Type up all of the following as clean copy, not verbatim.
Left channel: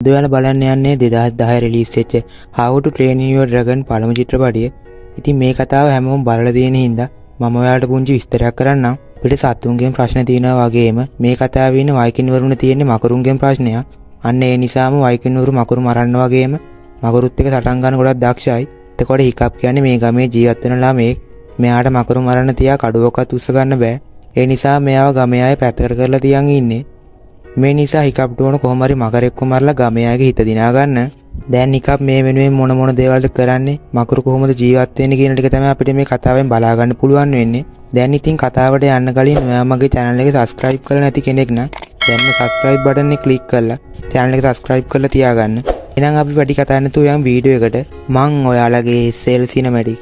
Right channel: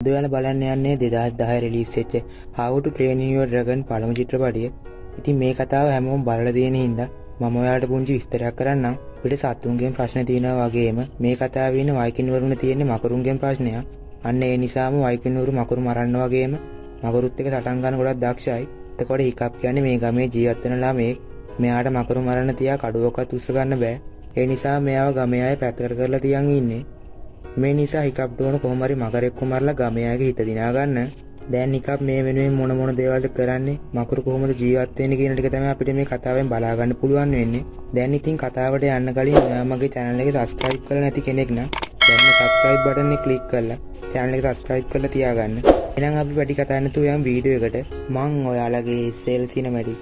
අද ඔයාලා බලන්න යන්නේ 2010 රිලීස් වෙච්ච How to Train Your Dragon පළමු චිත්‍රපටිය. ඉතින් මේ කතාව හැමෝම බලලා තියෙන හින්දා මම ඔයාලට පුංචි විස්තරයක් කරන්නම්. අපිට සතුන්ගෙන් ප්‍රශ්න තියෙනවා වගේම මේ කතාවේ ඉන්න වයිකින් වරුන් තියෙන්නේ මකරුන්ගෙන් ප්‍රශ්නයක්. අන්න ඒ නිසාම වයිකින් වරු මකරු මරන්න වගේම මකරුත් එක්ක සටන් ගන්න ගොඩක් දක්ෂයි. එතකොට හිකප් කියන්නේ මේ ගමේ ජීවත් වෙන ළමෙක්. මෙයාට මකරු මරන්න තියා කඩුවක්වත් උස්ස ගන්න බෑ. ඒ නිසා මෙයාව ගමේ අය පැත්තකට කරලා තියන් ඉන්නේ. මේ නිසා හිකප්ට ඕන කොහොම හරි මකරෙක්ව මරලා ගමේ අයගේ හිත දිනා ගන්න. දැන් හිකප් මේ වෙනුවෙන් මොන දේවල්ද කරන්නේ, මකරු කොහොමද ජීවත් වෙන්නේ කියන ටික තමයි අපිට මේ කතාවෙන් බලා ගන්න පුළුවන් වෙන්නේ. දැන් ඉතින් කතාවට යන්න කලින් ඔයා මගේ channel එක subscribe කරලා නැති කෙනෙක් නම් දැන්ම subscribe button එක click කරලා channel එක subscribe කරලා තියාගන්න. එහෙනම් අපි වැඩි කතා නැතුව යමු වීඩියෝ එකට. මං ඔයාලගේ sale cinematic.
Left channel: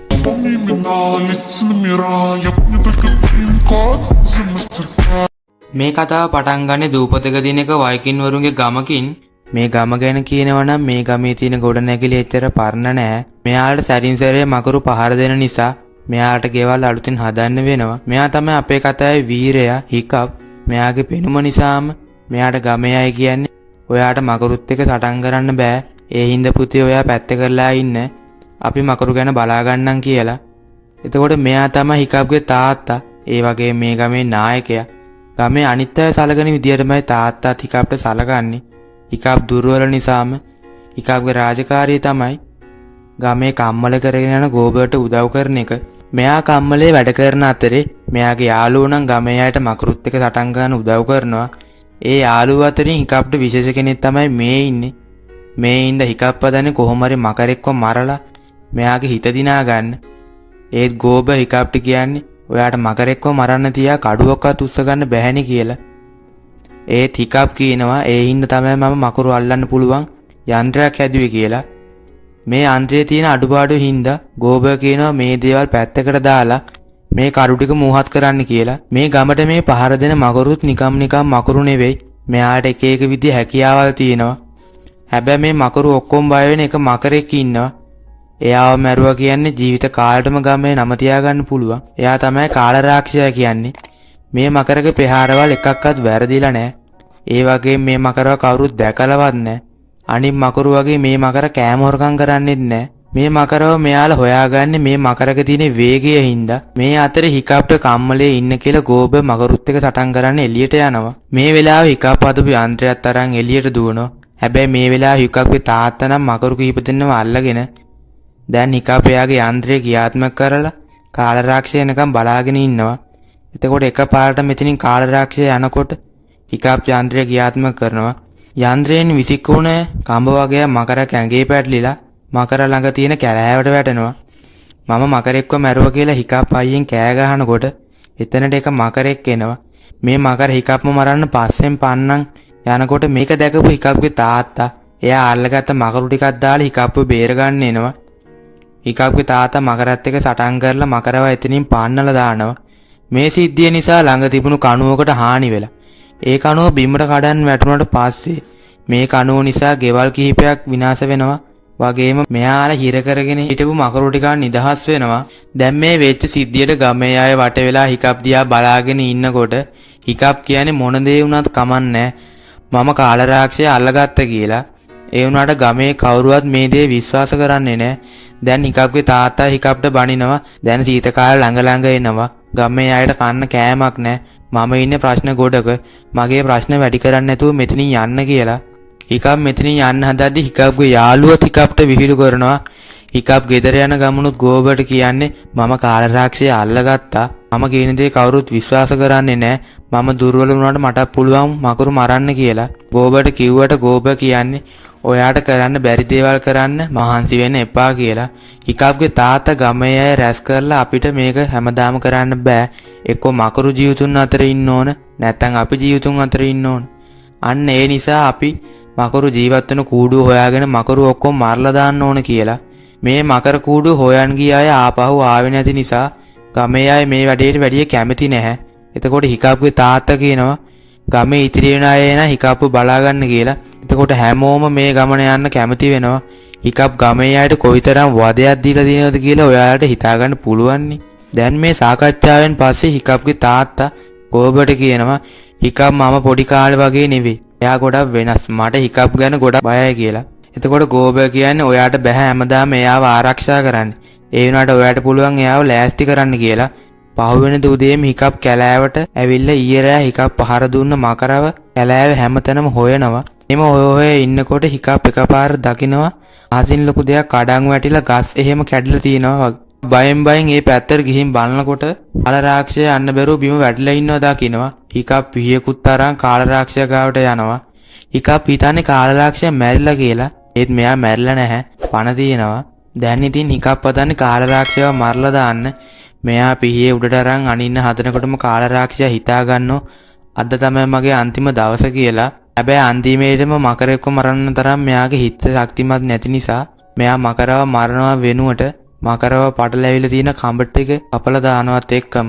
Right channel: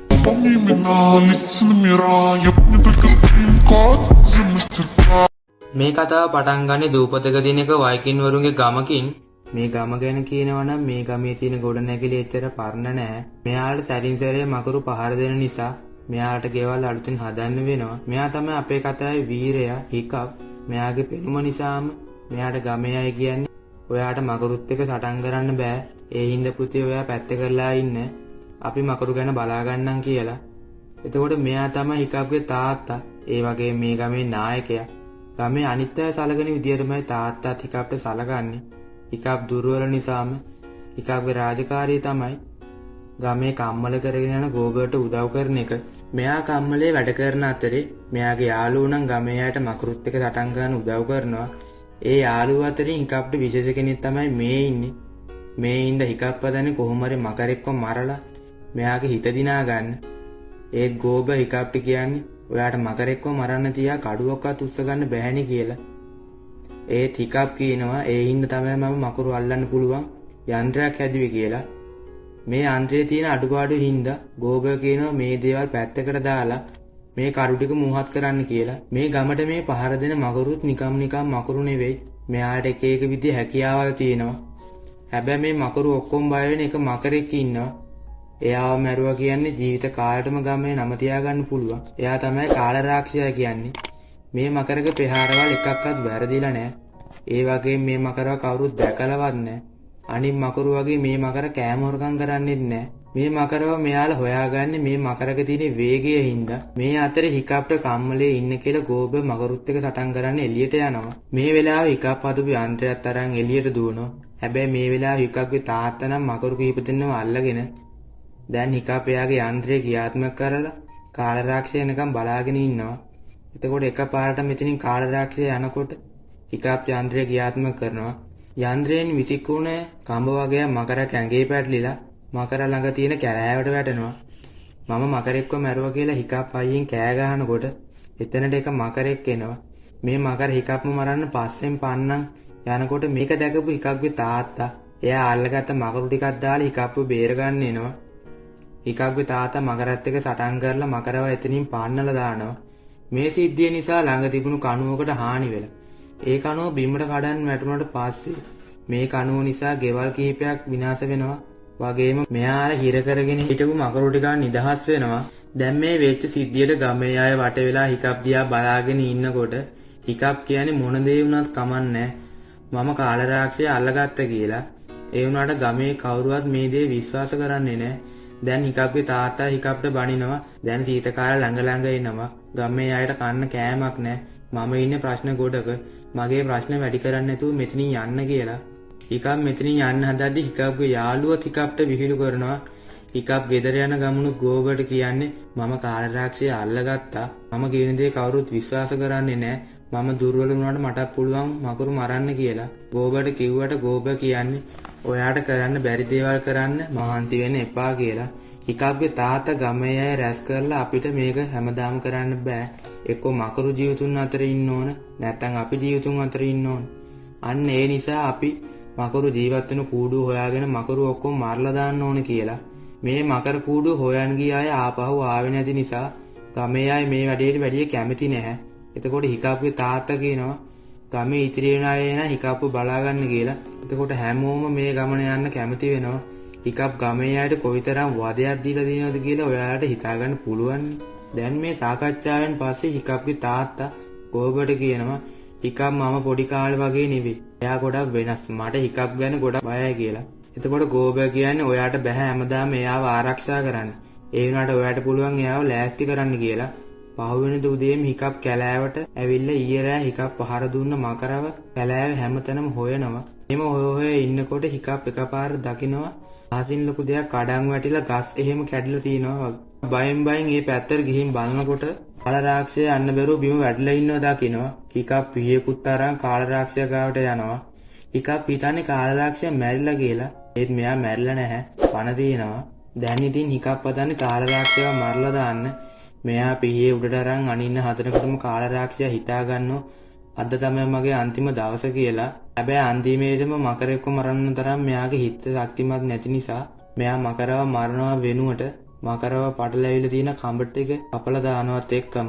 මේ කතාව පටන් ගන්නේ දූපතක තියෙන එක වයිකින් වරුන්ගේ ගමකින්. මේ ගම ගැන කියනවා නම් මේ ගමේ තියෙන ගොඩනැගිලි එච්චර පරණ නෑ. මෙයාට සැරින් සැරේ මකරු පහර දෙන නිසා මෙයාට ගෙවල් අලුතින් හදන්න වෙනවා. මෙයා තමයි අපේ කතාවේ වීරයා හිකප්. මෙයාගේ පෙනුම නිසාම මෙයාට ගමේ අය කියන්නේ ඔයාට මකරුත් එක්ක සටන් කරන්න බෑ. ඒ හින්දා පුතේ ඔයා පැත්ත කරලා ඉන්න. අපි මකරු ගැන බලා ගන්නම් කියලා. එතකොට මෙයා තමයි හිකප්ගේ තාත්තා. ඒ වගේ මේ ගමේ නායකයා. ගමේ අනිත් අය සලකන විදියටමයි තාත්තාත් හිකප්ට සලකන්නේ. හිකප් දුර්වල නිසාම හිකප්ගේ රාජකාරිය තමයි ගමේ කම්මල කරගෙන යන ගෝබර්ට උදව් කරන එක. මෙයා කම්මලේ වැඩ කරන අතරේ මෙයාගේ යාළුවෝ නම් ගමේ අයට මකරුත් එක්ක සටන් ගන්න උදව් කරනවා. ඒ යාළුවෝ අතරින් හිකප්ට විශේෂ කෙනෙක් තමයි මේ ඉන්නේ. මේ ඉඳ හිකප් හදන්නේ කොහොම හරි මකරෙක්ව මරලා මෙයාගේ හිත දිනා ගන්න. ඒත් ගෝබර් හිකප්ට කියන්නේ ඔයාට මකරෙක්ව මරන්න තියා කඩුවක්වත් උස්ස ගන්න බැහැනේ කියලා. ඒත් හිකප් කියනවා ඒ හින්දා තමයි මම මකරු අල්ලන්න පුළුවන් යන්ත්‍රයක් හැදුවේ කියලා. මේ යන්ත්‍රයේ තියෙන අඩුපාඩු හින්දා ගෝබර් කියනවා මේ දේවල් පැත්තකට දාලා මේ කරු ටික මූහත් කරන්න කියලා. මේ ගමට මේ පහර දෙන මකරුත් නිකම් මකරු නෙවෙයි. මෙයාට එක එක විදිහ හැකියාවල් තියෙනවා. හැබැයි මේ මකරු ඔක්කොම බය වෙන එක මකරෙක් ඉන්නවා. එයාව මැරුවා කියන්නේ ජීවිත කාලෙටම ගමේ නම තියාගන්න පුළුවන්. එයා තමයි කාලරාක්ෂයා කියන්නේ. මේ මකරගේ ප්‍රහාරවල එකක්වත් වැරදිලා නැහැ. ඒ වගේම මේ මකරව කවුරුත් දැකලවත් නැහැ. අනිත් මකරු වගේ මේ මකර කෑම හොරකම් කරන්නේත් නැහැ. මේ මකරව මෙයාලා හොයාගන්නේ මේ මකරගේ තියෙන වේගය හින්දා. මේ අතරේ හිකප්ට කම්මලේ ඉන්න කියලා ගෝබර් මකරුත් එක්ක සටන් කරන්න එළියට යනවා. මේ වෙලාවේ හිකප් හදපු යන්ත්‍රයත් අරන් එළියට දුවනවා. හැබැයි මේ වෙලාවේ හිකප්ගේ තාත්තා නම් මකරු කීප දෙන්නව අල්ලගෙන දැන් හිකප් එයාගේ යන්ත්‍රය ක්‍රියාත්මක කරලා කාලරාක්ෂය එනකම් බලාගෙන ඉන්නවා. එතකොට එකපාරට මෙතනින් කාලරාක්ෂය යනකොට හිකප් යන්ත්‍රය ක්‍රියාත්මක කරනවා. යන්ත්‍රයෙන් විසිකුණ කඹ වගේ මකරක් ඇඟේ පැටලිලා මකර ළඟ තියෙන කැලෑවට වැටෙනවා. මම මකරෙක්ව මැරුවා කියලා හිකප් අයියෙන් කෑ ගහනකොට එතනට එක මකරෙක් එනවා. මේ මකර හිකප්ම මරන්න පස්සෙන් පන්නන් යනකොට මේක දැකපු හිකප්ගේ තාත්තා එයා අල්ලගත්ත මකරු ටිකක් දාලා හිකප්ව බේර ගන්න එනවා. හිකප්ගේ තාත්තා මකරත් එක්ක සටන් කරලා මකරව එතනින් පාන්නලා දානවා. මේ සිද්ධිය නිසා ළඟ තිබුණු කණුවකට හානි වෙලා. ඒ කණුව බිමට කඩන් වැටුණාට පස්සේ මේ කණුව නිසා ගෙවල් කිහිපයක් විනාශ වෙනවා. වගේම මෙයාලා හිර කරගෙන හිටපු මකරු ටික නිදහස් වෙනවා. දැන් මේ වෙච්ච සිද්ධියට ගමේ අය වට වෙලා හිකප් දිහා බලාගෙන ඉන්නකොට හිකප් කියන්නේ මොන දේ වුණත් කමන්නේ මම කාලරාක්ෂය අල්ලගත්ත කියලා. ඒ වුණාට ගමේ කවුරුවත් මේ දේ විශ්වාස කරන්නේ නැහැ. දැන් හිකප්ගේ තාත්තා හිකප්ට බනිනවා. දැන් සීත කාල ළඟ එනවා. ගමේ අයට කන්න කෑමක් නැහැ. මම ඉන්නේ ප්‍රශ්න ගොඩක. මගේ ප්‍රශ්න වැඩි කරන්න නැතුව මෙතනින් යන්න කියලා. හිකප් මෙතනින් යන්න හදද්දි හිකප්ගේ යාළුවා හිකප්ට විහිළු කරනවා. හිකප් ගෙදර යන ගමනුත් ගෝබර්ට කියන්නේ මම කාලරාක්ෂය අල්ලගත්තා. මම කියන දේ කවුරුත් විශ්වාස කරන්නේ නැහැ. මම දුර්වල වුණාට මට පුළුවන් මකරු මරන්න කියලා. ගෝබර්ට කිව්වට ගෝබර් කියන්නේ ඔයාට කරන්න බැරි දේවල් කරන්න මහන්සි වෙන්න එපා කියලා. හිකප්ගේ තාත්තා ගමේ අය රැස් කරලා අපිට මේක හැමදාම කරන්න බෑ. එක්කෝ මකරු ජීවිතුන් අතර ඉන්න ඕන නැත්නම් අපි ජීවිතුන් අතර ඉන්න ඕන. අන්න ඒ නිසා අපි මකරු ජීවත් වෙන කූඩුව හොයාගෙන මකරු ඔක්කොම මරලා දාන්න ඕන කියලා. මේ මකර කූඩුව හොයන් ගිය අය ආපහු ආවේ නැති නිසා ගමේ අය මේ වැඩේට වැඩිය කැමති නැහැ. එතකොට හිකප්ගේ තාත්තා කියනවා ගමේ ඉතිරි වෙන අය එන හිකප්ව බලා ගන්න කියලා. එතකොට හැමෝම මේ ගමන යන්න කැමති වෙනවා. හිකප් ගමේ අයට කොයිතරම් වදයක් දීලා දෙනවද කියලා ඔයාලට හිතා ගන්න පුළුවන්. දැන් මේ සාකච්ඡාවෙන් පස්සේ හිකප්ගේ තාත්තා ගෝබර්ට කියනවා හිකප් මම පොඩි කාලේ වගේ නෙවෙයි. එයා ගොඩක් වෙනස්. මට හිකප් ගැන ගොඩක් බයයි කියලා. එතකොට ගෝබර් කියන්නේ ඔයාට බෑ හැමදාම එයාව ආරක්ෂා කරන්න. ඒ වුණාට ඔයාට පුළුවන් එයාව ලෑස්ති කරන්න කියලා. පහුවෙන උදේම හිකප් කැලෑවට ඇවිල්ලා ඊයේ රෑ හිකප් පහර දුන්න මකරව කැලෑවේ හැමතැනම හොයනවා. එම හොය ඉන්නකොට හිකප් එකපාර දකිනවා අහසින් ලොකු දෙයක් කඩන් වැටිලා ගස් එහෙම කැඩිලා තියෙනවා. බයෙන් ඒ පැත්තට ගිහින් බලනකොට කාලරාක්ෂය යන්න බැරුව බිම වැටිලා ඉන්නවා දකිනවා. හිකප් පිහියකුත් තරම් කාලරාක්ෂය ගාවට යනවා. හිකප් හිතන්නේ කාලරාක්ෂය මැරිලා කියලා. ඒත් මෙයා මැරිලා නැහැ. පණ තියෙනවා. දැන් ඉතින් හිකප් හදන්නේ කාලරාක්ෂයව මරලා දාන්න. මෙයා පිහියේ උඩට අරන් අනින්න හදනකොටම කාලරාක්ෂය හිතා ගන්නෝ අද තමයි මගේ අන්තිම දවස කියලා. හැබැයි අන්තිමේටම මකරෙක්ව මරන්න තරම් මෙයාගේ හිත ශක්තිමත් නැති නිසා මෙයා මකරව මරනවා වෙනුවට මකරව පටලැවිලා තියෙන කඹට එක අපල දානවත් එක්කම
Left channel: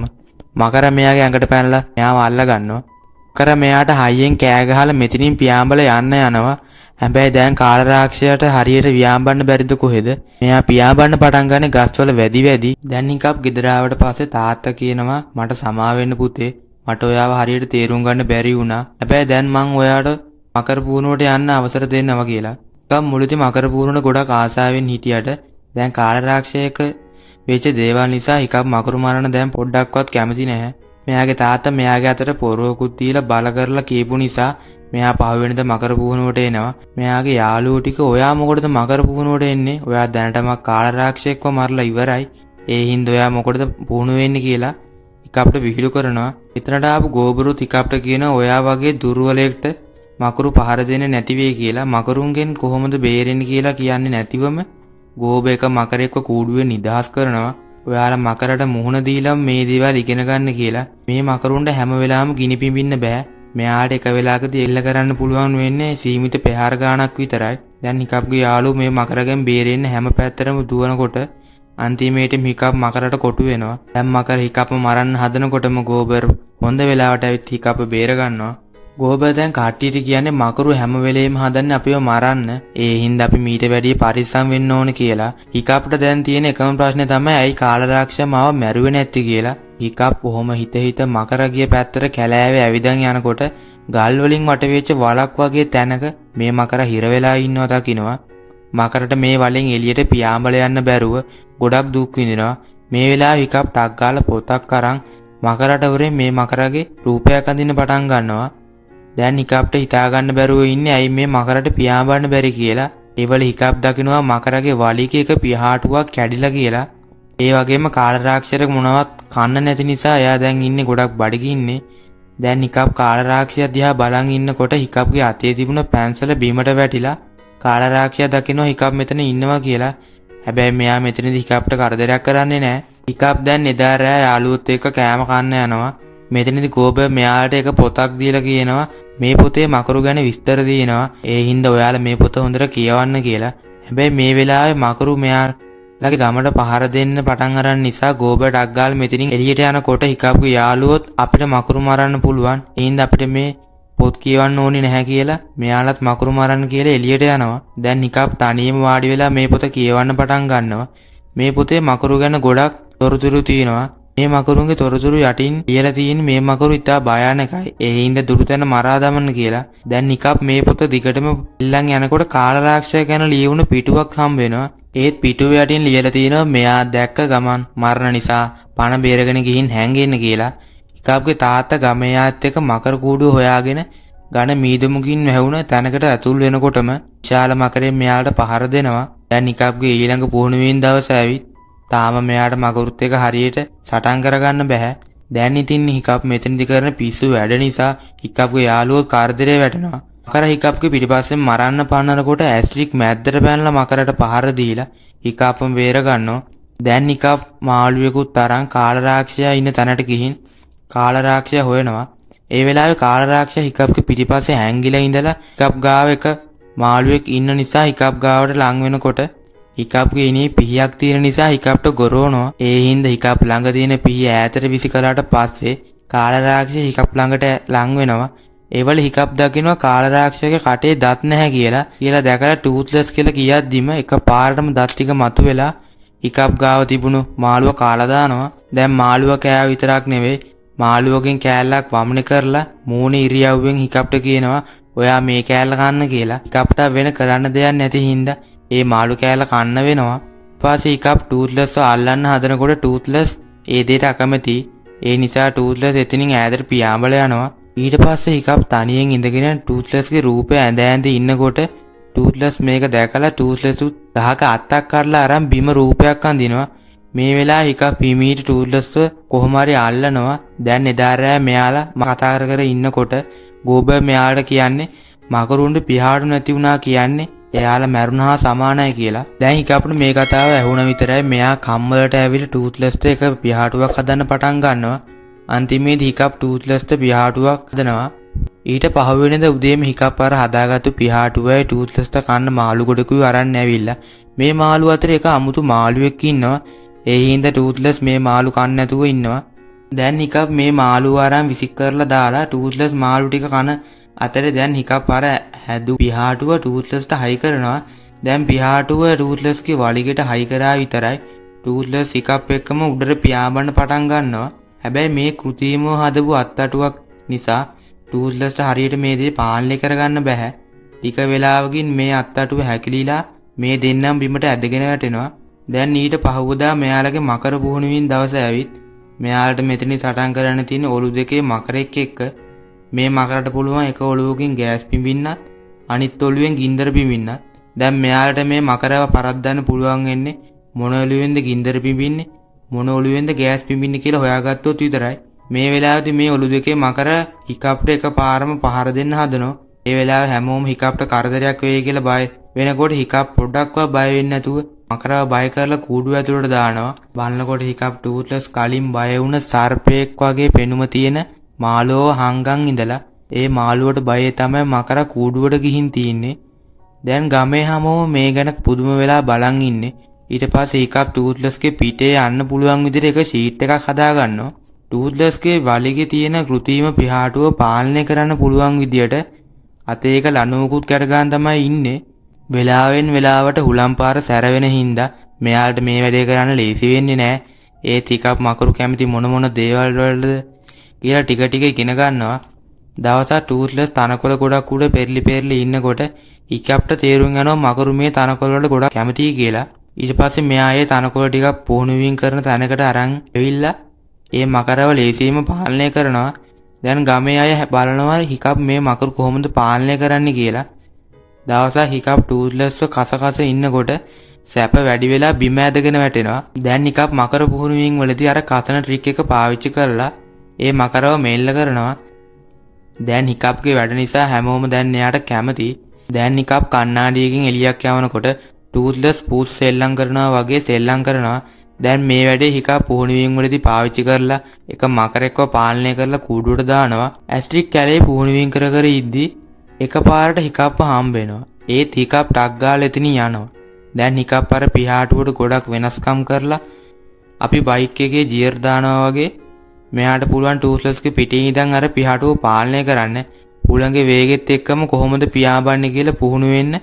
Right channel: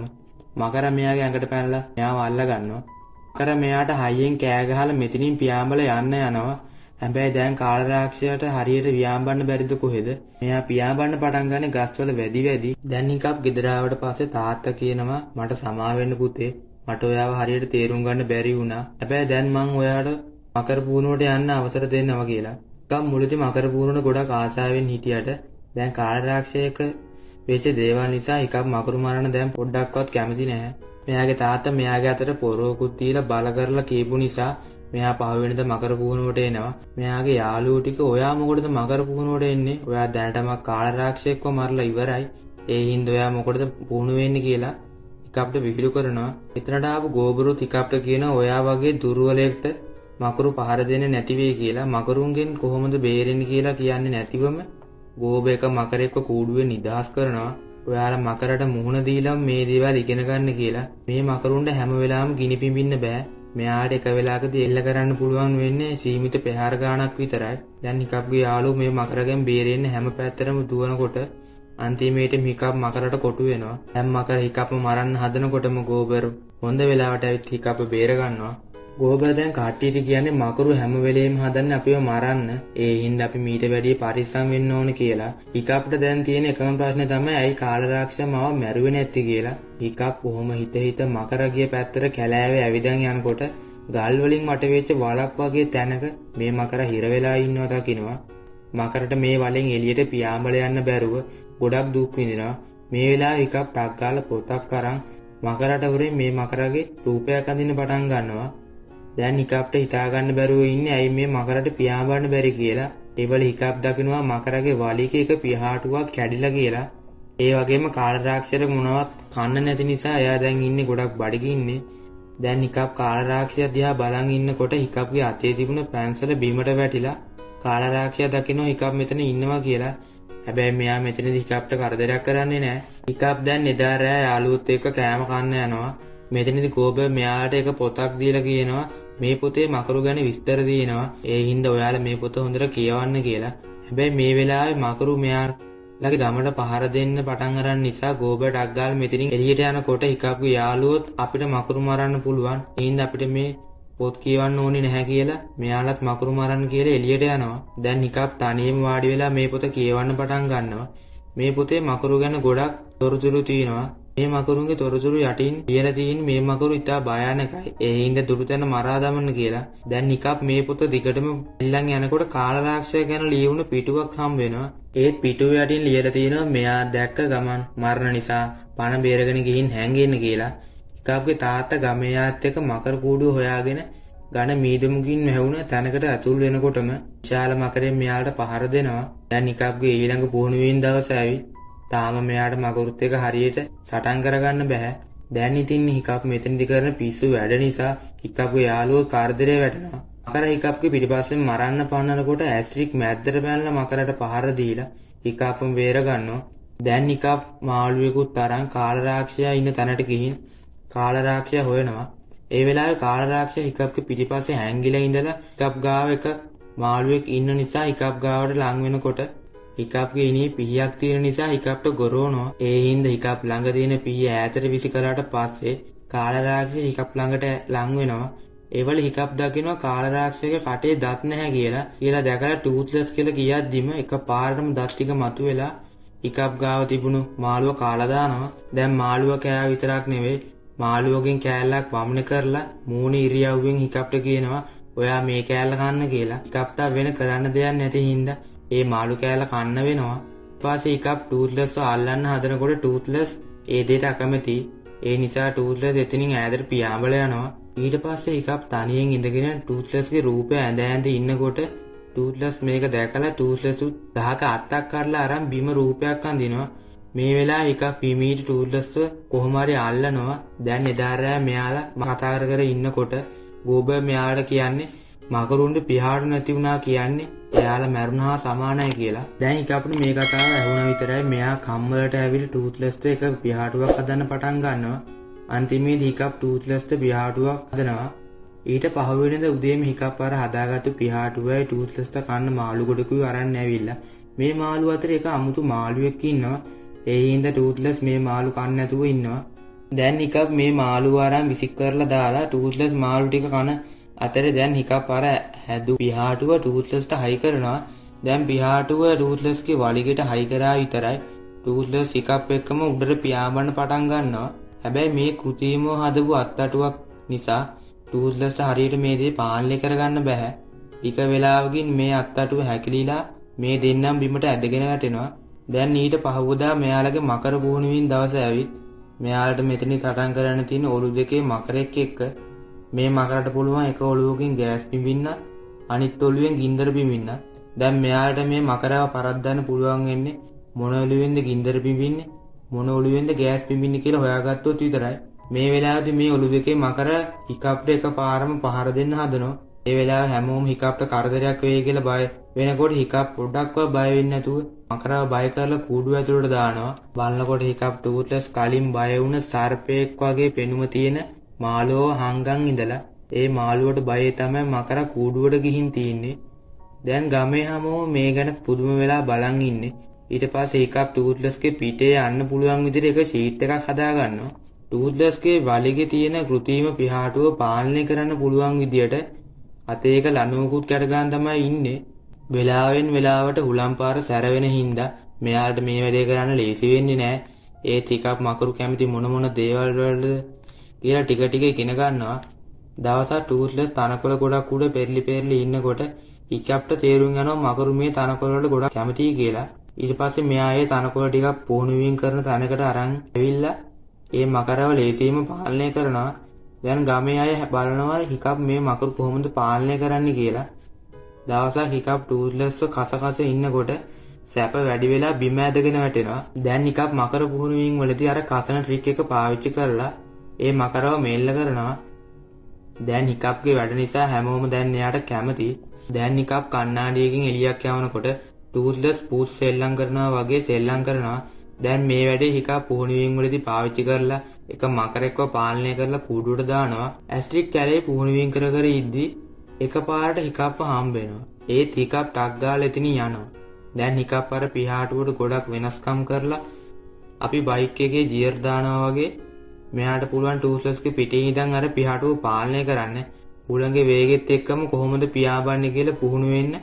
මකර මෙයාගේ ඇඟට පැනලා මෙයාව අල්ල ගන්නවා. මකර මෙයාට හයියෙන් කෑ ගහලා මෙතනින් පියාඹල යන්න යනවා. හැබැයි දැන් කාලරාක්ෂයට හරියට ව්‍යාඹන්න බැරිද කොහෙද? මෙයා පියාඹන්න පටන් ගන්නේ ගස්වල වැඩි. දැන් හිකප් ගෙදර ආවට පස්සේ තාත්තා කියනවා මට සමා වෙන්න පුතේ. මට ඔයාව හරියට තේරුම් ගන්න බැරි වුණා. හැබැයි දැන් මං ඔයාට මකර පුහුණුවට යන්න අවසර දෙන්නවා කියලා. හිකප් මුලදී මකර පුහුණුවට ගොඩක් ආසාවෙන් හිටියට දැන් කාලරාක්ෂයක වෙච්ච දේවල් නිසා හිකප් මකරු මරන්න දැන් පොඩ්ඩක්වත් කැමති නැහැ. මෙයාගේ තාත්තා මෙයාගේ අතට පොරොවකුත් දීලා බල කරලා කියපු නිසා මෙයා පහුවෙනිද මකර පුහුණුවට එනවා. මෙයාගේ යාළුවෝ ටික ඔයා මොකටද මකර පුහුණුවට එන්නේ? ඔයා දැනටම කාලරාක්ෂයෙක්ව මරලා ඉවරයි. ඒ හින්දා ඔයා මොකටද පුහුණු වෙන්නේ කියලා හිකප්ට විහිළු කරනවා. එතනට ආපු ගෝබරුත් හිකප්ට කියනවා ඔයා වගේ දුර්වලයෙක්ට මකරු පහර දෙන්නේ නැති වෙයි කියලා. මකරුන්ගෙන් කොහොමද බේරෙන්නේ කියලා කියන්නේ නැතිවම ගෝබ එක මකරෙක්ව කූඩුවේ නිදහස් කරනවා. ඔයාලා මකරට මුහුණ දීලා මේ දේවල් ඉගෙන ගන්න කියලා. මේ මකරුන්ට හැම වෙලාවෙම ගිනි පිඹින්න බෑ. මෙයාට එක වෙලාවකදී එල්ල කරන්න පුළුවන් වෙන්නේ සීමිත ප්‍රහාර ගාණක් විතරයි. දැන් හිකප්ගේ යාළුවෝ මේ මකරගෙන් බේරෙන්න හැම පැත්තටම දුවනකොට අන්තිමේට හිකප් මකරට කොටු වෙනවා. දැන් මකර හිකප්ම මරන්න හදනකොටම ගෝබර් හොඳ වෙලාවට ඇවිත් හිකප් බේර ගන්නවා. ගෝබර් දැන් කට්ටියට කියන්නේ මකරු හැම වෙලේම හදන්නේ අපිව මරන්න. ඒ හින්දා අපි මීට වැඩිය පරිස්සම් වෙන්න ඕන කියලා. හිකප්ට දැන් තියෙන එකම ප්‍රශ්නේ තමයි ඇයි කාලරාක්ෂය මාව මැරුවේ නැති කියලා. හිකප් කොහොම හිත මකර ගිය පැත්තට කැලෑවේ ඇවිදන් යනකොට ගල් වලින් වට වෙච්ච වලක් වගේ තැනක මේ මකර හිර වෙලා ඉන්නවා දකින්නවා. මකරට මේ වලින් එළියට පියාඹල යන්න බැරුව ගොඩක් දුක් විඳිනවා. මේ වෙලාවේ හිකප් ටක් ගාලා පොතක් අරන් මකරට වරේ මේ මකරගේ රූපයක් අඳින්න පටන් ගන්නවා. දැන් හිකප්ට හිතා ගන්න බැරුව ඉන්නේ ඇයි මේ මකරට පියාඹන්න බැරි කියලා. ඒවල හිකප් දකින්නවා මකරගේ වලිගේ එක පියාටුවක් කැඩිලා කියලා. ඒ වගේම කාලරාක්ෂයට මොනවත් කන්න නැති නිසා එයා දැන් ඉන්නේ ගොඩක් බඩගින්නේ. දැන් හිකප් කාලරාක්ෂය දිහා බලන් ඉන්නකොට හිකප්ගේ අතේ තිබුණ පැන්සල බිමට වැටිලා කාලරාක්ෂය දකින්නවා හිකප් මෙතන ඉන්නවා කියලා. හැබැයි මෙයා මෙතනදී හිකප්ට කරදරයක් කරන්නේ නැහැ. හිකප් දැන් එදා රෑ යාළුවොත් එක්ක කෑම කන්න යනවා. මෙතනදී ගෝබර් මෙයාට එක පොතක් දීලා කියනවා මේ පොතේ මකරු ගැන විස්තර දිනනවා. ඒ හින්දා ඔයාලා මේ පොත හොඳට කියවන්න කියලා. හැබැයි මේ වෙලාවේ මකරු මෙයාලගේ ගමට පහර දෙන්න පටන් අරන් නිසා ගෝබර් ටක් ගාලා මෙතනින් එළියට යනකොට හිකප්ගේ යාළුවොත් අපිට මකරු මරන්න පුළුවන්. ඒ හින්දා අපිට මේ පොත් කියවන්න ඕනේ නැහැ කියලා මෙයාලත් මකරු මරන්න කියලා එළියට යනවා. දැන් හිකප් තනියම වාඩි වෙලා මේ පොත කියවන්න පටන් ගන්නවා. මේ පොතේ මකරු ගැන ගොඩක් තොරතුරු තියෙනවා. මේ මකරුන්ගේ තොරතුරු යටින් ලියලා තියෙන මේ මකරු ඉතා භයානකයි. ඒ හින්දා දුරුතැන මරා දමන්න කියලා. දැන් හිකප් මේ පොත දිගටම ඉල්ලන් යනකොට කාලරාක්ෂය ගැන ලියවුණු පිටුවක් හම්බ වෙනවා. ඒත් පිටුව යටින් ලියලා තියෙනවා මෙයා දැක්ක ගමන් මරණ නිසා පණ බේරගෙන ගිහින් හැංගෙන්න කියලා. හිකප්ගේ තාත්තා ගමේ යාත් එක්ක මකර කූඩුව හොයාගෙන ඝන මීදුමකින් වැහුණ තැනකට ඇතුල් වෙනකොටම විශාල මකරෙන් මෙයාට පහර දෙනවා. දැන් හිකප්ගේ ඊළඟ පුහුණුවෙන් දවස ඇවිත් තාම මෙයාට මකරුත් එක හරියට සටන් කරගන්න බෑ. දැන් ඉතින් හිකප් මෙතනදි කරන පිස්සු වැඩ නිසා හිකප්ගේ යාළුවෝ කරදරේ වැටෙනවා. මකර හිකප්ගේ පිටිපස්සෙන් මරන්න පන්නනකොට ඇස්ට්‍රික් මැද්දට පැනලා මකරට පහර දීලා හිකප්ම බේර ගන්නවා. දැන් හිකප් මාළුවෙකුත් තරම් කාලරාක්ෂයා ඉන්න තැනට ගිහින් කාලරාක්ෂයා හොයනවා. ඒ වෙලාවේ කාලරාක්ෂයා හිකප්ගේ පිටිපස්සේ හැංගිලා ඉඳලා හිකප් ගාව එක මාළුවෙක් ඉන්න නිසා හිකප් ගාවට ලං වෙනකොට හිකප්ගේ ඉනේ පිහියක් තියෙන නිසා හිකප්ට ගොරවනවා. ඒ හින්දා හිකප් ළඟ තියෙන පිහිය ඈතට විසි කළාට පස්සේ කාලරාක්ෂය හිකප් ළඟට ලං වෙනවා. ඒවල හිකප් දකින්නවා කාලරාක්ෂයගේ කටේ දත් නැහැ කියලා දැකලා ටූත්ලස් කියලා කියද්දිම එකපාරටම දත් ටික මතුවෙලා හිකප් ගාව තිබුණු මාළුව කාලා දානවා. දැන් මාළුව කෑව විතරක් නෙවෙයි මාළුවගෙන් කෑල්ලක් වමනේ කරලා මූණේ ඉරියව්වෙන් හිකප්ට කියනවා ඔයා මේ කෑල්ල කන්න කියලා. හිකප්ට වෙන කරන්න දෙයක් නැති හින්දා ඒ මාළු කෑල්ල කන්න වෙනවා. ඊපස්සේ හිකප් ටූත්ලස්ව අල්ලන්න හදනකොට ටූත්ලස් ඒ දෙයට අකමැති. ඒ නිසා ටූත්ලස් එතනින් ඈතට පියාඹල යනවා. ඊට පස්සේ හිකප් තනියෙන් ඉඳගෙන ටූත්ලස්ගේ රූපය ඇඳ ඇඳ ඉන්නකොට ටූත්ලස් මේක දැකලා ටූත්ලස් ගහක අත්තක් කඩලා අරන් බිම රූපයක් අඳිනවා. මේ වෙලාවේ හිකප් හිමීට ටූත්ලස්ව කොහොම හරි අල්ලනවා. දැන් එදා රෑ මෙයාලා කතා කර ඉන්නකොට ගෝබර් මෙයාට කියන්නේ මකරුන්ට පිහාටු නැති වුණා කියන්නේ එයාලා මැරුණා සමානයි කියලා. දැන් හිකප්ට මේ කතාව ඇහුණ විතරයි මෙයා කම්මලට ඇවිල්ලා ටූත්ලස්ට එක පිහාටුවක් හදන්න පටන් ගන්නවා. අන්තිමේදී හිකප් ටූත්ලස්ට පිහාටුවක් හදනවා. ඊට පහුවෙනිදා උදේම හිකප් අර හදාගත්තු පිහාටුවයි ටූත්ලස්ට කන්න මාළු ගොඩකුයි අරන් ඇවිල්ලා මේ මාළු අතර එක අමුතු මාළුවෙක් ඉන්නවා. ඒ හින්දා ටූත්ලස් මේ මාළු කන්න නැතුව ඉන්නවා. දැන් හිකප් මේ මාළු අරන් විසික් කරලා දාලා ටූත්ලස් මාළු ටික කන අතරේ දැන් හිකප් අර හැදු පිහාටුව ටූත්ලස්ට හයි කරනවා. දැන් පිහාටුව ටූත්ලස්ගේ වලිගෙට හයි කරා විතරයි ටූත්ලස් හිකප් එක්කම උඩට පියාඹන්න පටන් ගන්නවා. හැබැයි මේ කෘත්‍රිමව හදපු අත්තටුවක් නිසා ටූත්ලස්ට හරියට මේ දේ පාලනය කරගන්න බෑ. ටික වෙලාවකින් මේ අත්තටුව හැකිලිලා මේ දෙන්නම බිමට ඇදගෙන වැටෙනවා. දැන් ඊට පහුවදා මෙයාලගේ මකර පුහුණුවින් දවස ඇවිත් මෙයාලට මෙතනින් සටන් කරන්න තියෙන ඔලු දෙකේ මකරෙක් එක්ක මේ මකරට පුළුවන් එක ඔලුවකින් ගෑස් පිඹින්නත් අනිත් ඔලුවෙන් ගින්දර පිඹින්නත්. දැන් මෙයාලට මේ මකරව පරද්දන්න පුළුවන් වෙන්නේ මොන ඔලුවෙන්ද ගින්දර පිඹින්නේ මොන ඔලුවෙන්ද ගෑස් පිඹින්නේ කියලා හොයාගත්තොත් විතරයි. මේ වෙලාවේදී මේ ඔලු දෙකේ මකර හිකප්ට එකපාරම පහර දෙන්න හදනවා. ඒ වෙලාවේ හැමෝම හිකප්ට කරදරයක් වෙයි කියලා බය වෙනකොට හිකප් පොඩ්ඩක්වත් බය වෙන්නේ නැතුව මකරව බය කරලා කූඩුව ඇතුළට දානවා. බලනකොට හිකප් ටූත්ලස් කලින් බය වුණ සර්පයෙක් වගේ පෙනුම තියෙන මාළුව හංගන් ඉඳලා ඒ මාළුවට බයේ තමයි මකර කූඩුවට ගිහින් තින්නේ. දැන් ගමේ හැමෝම මේ ගැන පුදුම වෙලා බලන් ඉන්නේ. ඊට පස්සේ හිකප් ටූත්ලස්ගේ පිටේ යන්න පුළුවන් විදිහට එක ෂීට් එකක් හදා ගන්නවා. ටූත්ලස්ගේ වලිගේ තියෙන කෘත්‍රිම පිහාටුව පාලනය කරන්න පුළුවන් විදියට අතේ එක ලණුවකුත් කැඩගන්න තමයි ඉන්නේ. වෙලාවෙන් වෙලාවට හුලම් පාර සැරවෙන හින්දා මෙයාලට මේ වැඩේ කරන්න ලේසි වෙන්නේ නැහැ. ඒත් හිකප් මකරු කැමති මොන දේවල් වලද කියලා ටික ටික ඉගෙන ගන්නවා. දවසක් ටූත්ලස් තනකොළ ගොඩක් උඩ පෙරලි ඉන්නකොට හිකප්ට තේරුම් යනවා මකරු මේ තනකොළ වලට ගොඩක් කැමතියි කියලා. ඊට පස්සේ මෙයා ඒ තනකොළ ටිකක් පුහුණුවින් කරන තැනකට අරන් ඇවිල්ලා ඒ මකරව ලේසියෙන්ම පාලනය කරනවා. දැන් ගමේ අය බලනවා හිකප් මේ මකරු කොහොමද පාලනය කරන්න කියලා. දවසක් හිකප් ටූත්ලස්ව කස ඉන්නකොට සැප වැඩි වෙලා බිම ඇදගෙන වැටෙනවා. දැන් හිකප් මකර පුහුණුවින් වලදී අර කසන ට්‍රික් එක පාවිච්චි කරලා ඒ මකරව මෙල්ල කරනවා. දැන් හිකප්ගේ වැඩ නිසා හැමෝම දැන් එයාට කැමති. දැන් හිකප් කණ්ණාඩියකින් එළියක් යවනකොට ටූත්ලස් පූස් සෙල්ලම් කරනවා වගේ සෙල්ලම් කරනවා. දැන් මේ වැඩේ හිකප් පුහුණුවින් වලදී පාවිච්චි කරලා එක මකරෙක්ව පාලනය කරලා කූඩුවට දානවා. ඇස්ට්‍රික් කැලේ පුහුණුවින් කර ඉද්දී එකපාරට හිකප්ව හම්බ වෙනවා. ඒත් හිකප් ටක් ගාලා එතනින් යනවා. දැන් හිකප් අර පිහාටුවට ගොඩක් වෙනස්කම් කරලා අපි බයික් එකේ ජියර් දානවා වගේ මෙයාට පුළුවන් ටූත්ලස්ගේ පිටින් ඉඳන් අර පිහාටුව පාලනය කරන්න. උලංගේ වේගෙත් එක්කම කොහොමද පියාඹන්නේ කියලා පුහුණු වෙන්න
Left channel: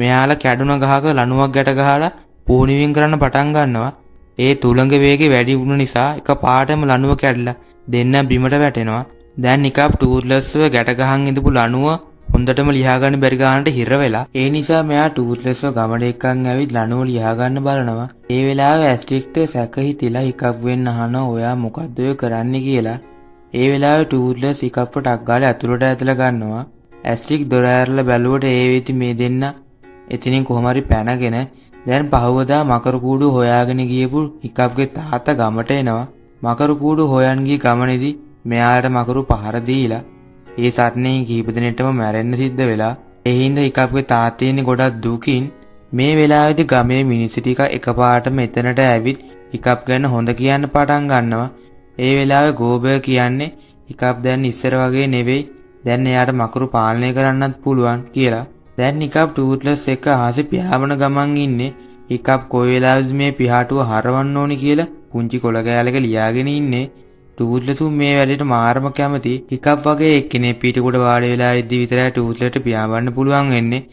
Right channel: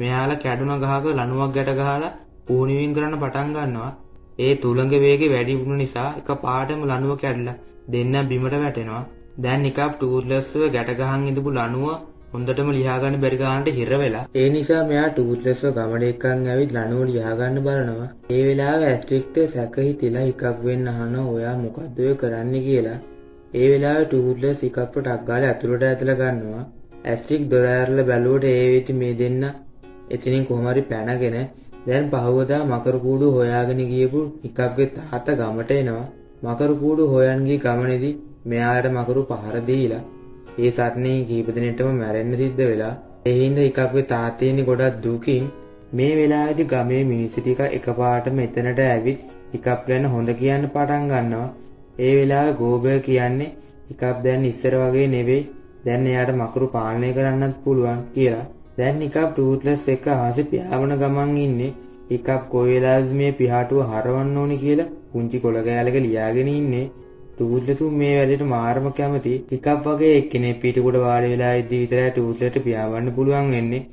මෙයාලා කැඩුන ගහක ලණුවක් ගැට ගහලා පුහුණුවින් කරන්න පටන් ගන්නවා. ඒ තුලංගේ වේගෙ වැඩි වුණ නිසා එකපාරටම ලණුව කැඩලා දෙන්න බිමට වැටෙනවා. දැන් හිකප් ටූත්ලස්ව ගැට ගහන් ඉඳපු ලණුව හොඳටම ලියා ගන්න බැරි ගන්නට හිර වෙලා. ඒ නිසා මෙයා ටූත්ලස්ව ගමඩ එක්කන් ඇවිත් ලණුව ලියා ගන්න බලනවා. ඒ වෙලාවේ ඇස්ට්‍රික්ට සැක හිතිලා හිකප් වෙන්න අහනවා ඔයා මොකද්ද ඔය කරන්නේ කියලා. ඒ වෙලාවේ ටූත්ලස් හිකප්ව ටක් ගාලා ඇතුළට ඇදලා ගන්නවා. ඇස්ට්‍රික් දොර ඇරලා බැලුවට ඒ වෙති මේ දෙන්න එතනින් කොහොම හරි පැනගෙන දැන් පහවදා මකරු කූඩු හොයාගෙන ගියපු හිකප්ගේ තාත්තා ගමට එනවා. මකරු කූඩු හොයන් ගිය ගමනේදී මෙයාට මකරු පහර දීලා ඒ සටනේ කීප දිනෙටම මැරෙන්න සිද්ධ වෙලා. ඒ හින්දා හිකප්ගේ තාත්තා ඉන්නේ ගොඩක් දුකින්. මේ වෙලාවේදී ගමේ මිනිස්සු ටික එකපාරටම එතනට ඇවිත් හිකප් ගැන හොඳ කියන්න පටන් ගන්නවා. ඒ වෙලාවේ ගෝබර් කියන්නේ හිකප් දැන් ඉස්සර වගේ නෙවෙයි. දැන් එයාට මකරු පාලනය කරන්නත් පුළුවන් කියලා. දැන් හිකප් ටූත්ලස් එක්ක ආසෙ පියාඹන ගමන් ඉන්නේ. හිකප් කොයි වෙලාවෙද මේ පිහාටුව හරවන්න ඕනි කියලා පුංචි කොළ කෑල්ලක ලියාගෙන ඉන්නේ. ටූත්ලස් මේ වැඩේට මාරම කැමති. හිකප් වගේ එක්කෙනෙක් පිටුකොට වාඩි වෙලා ඉද්දි විතරයි ටූත්ලස්ට පියාඹන්න පුළුවන් වෙන්නේ.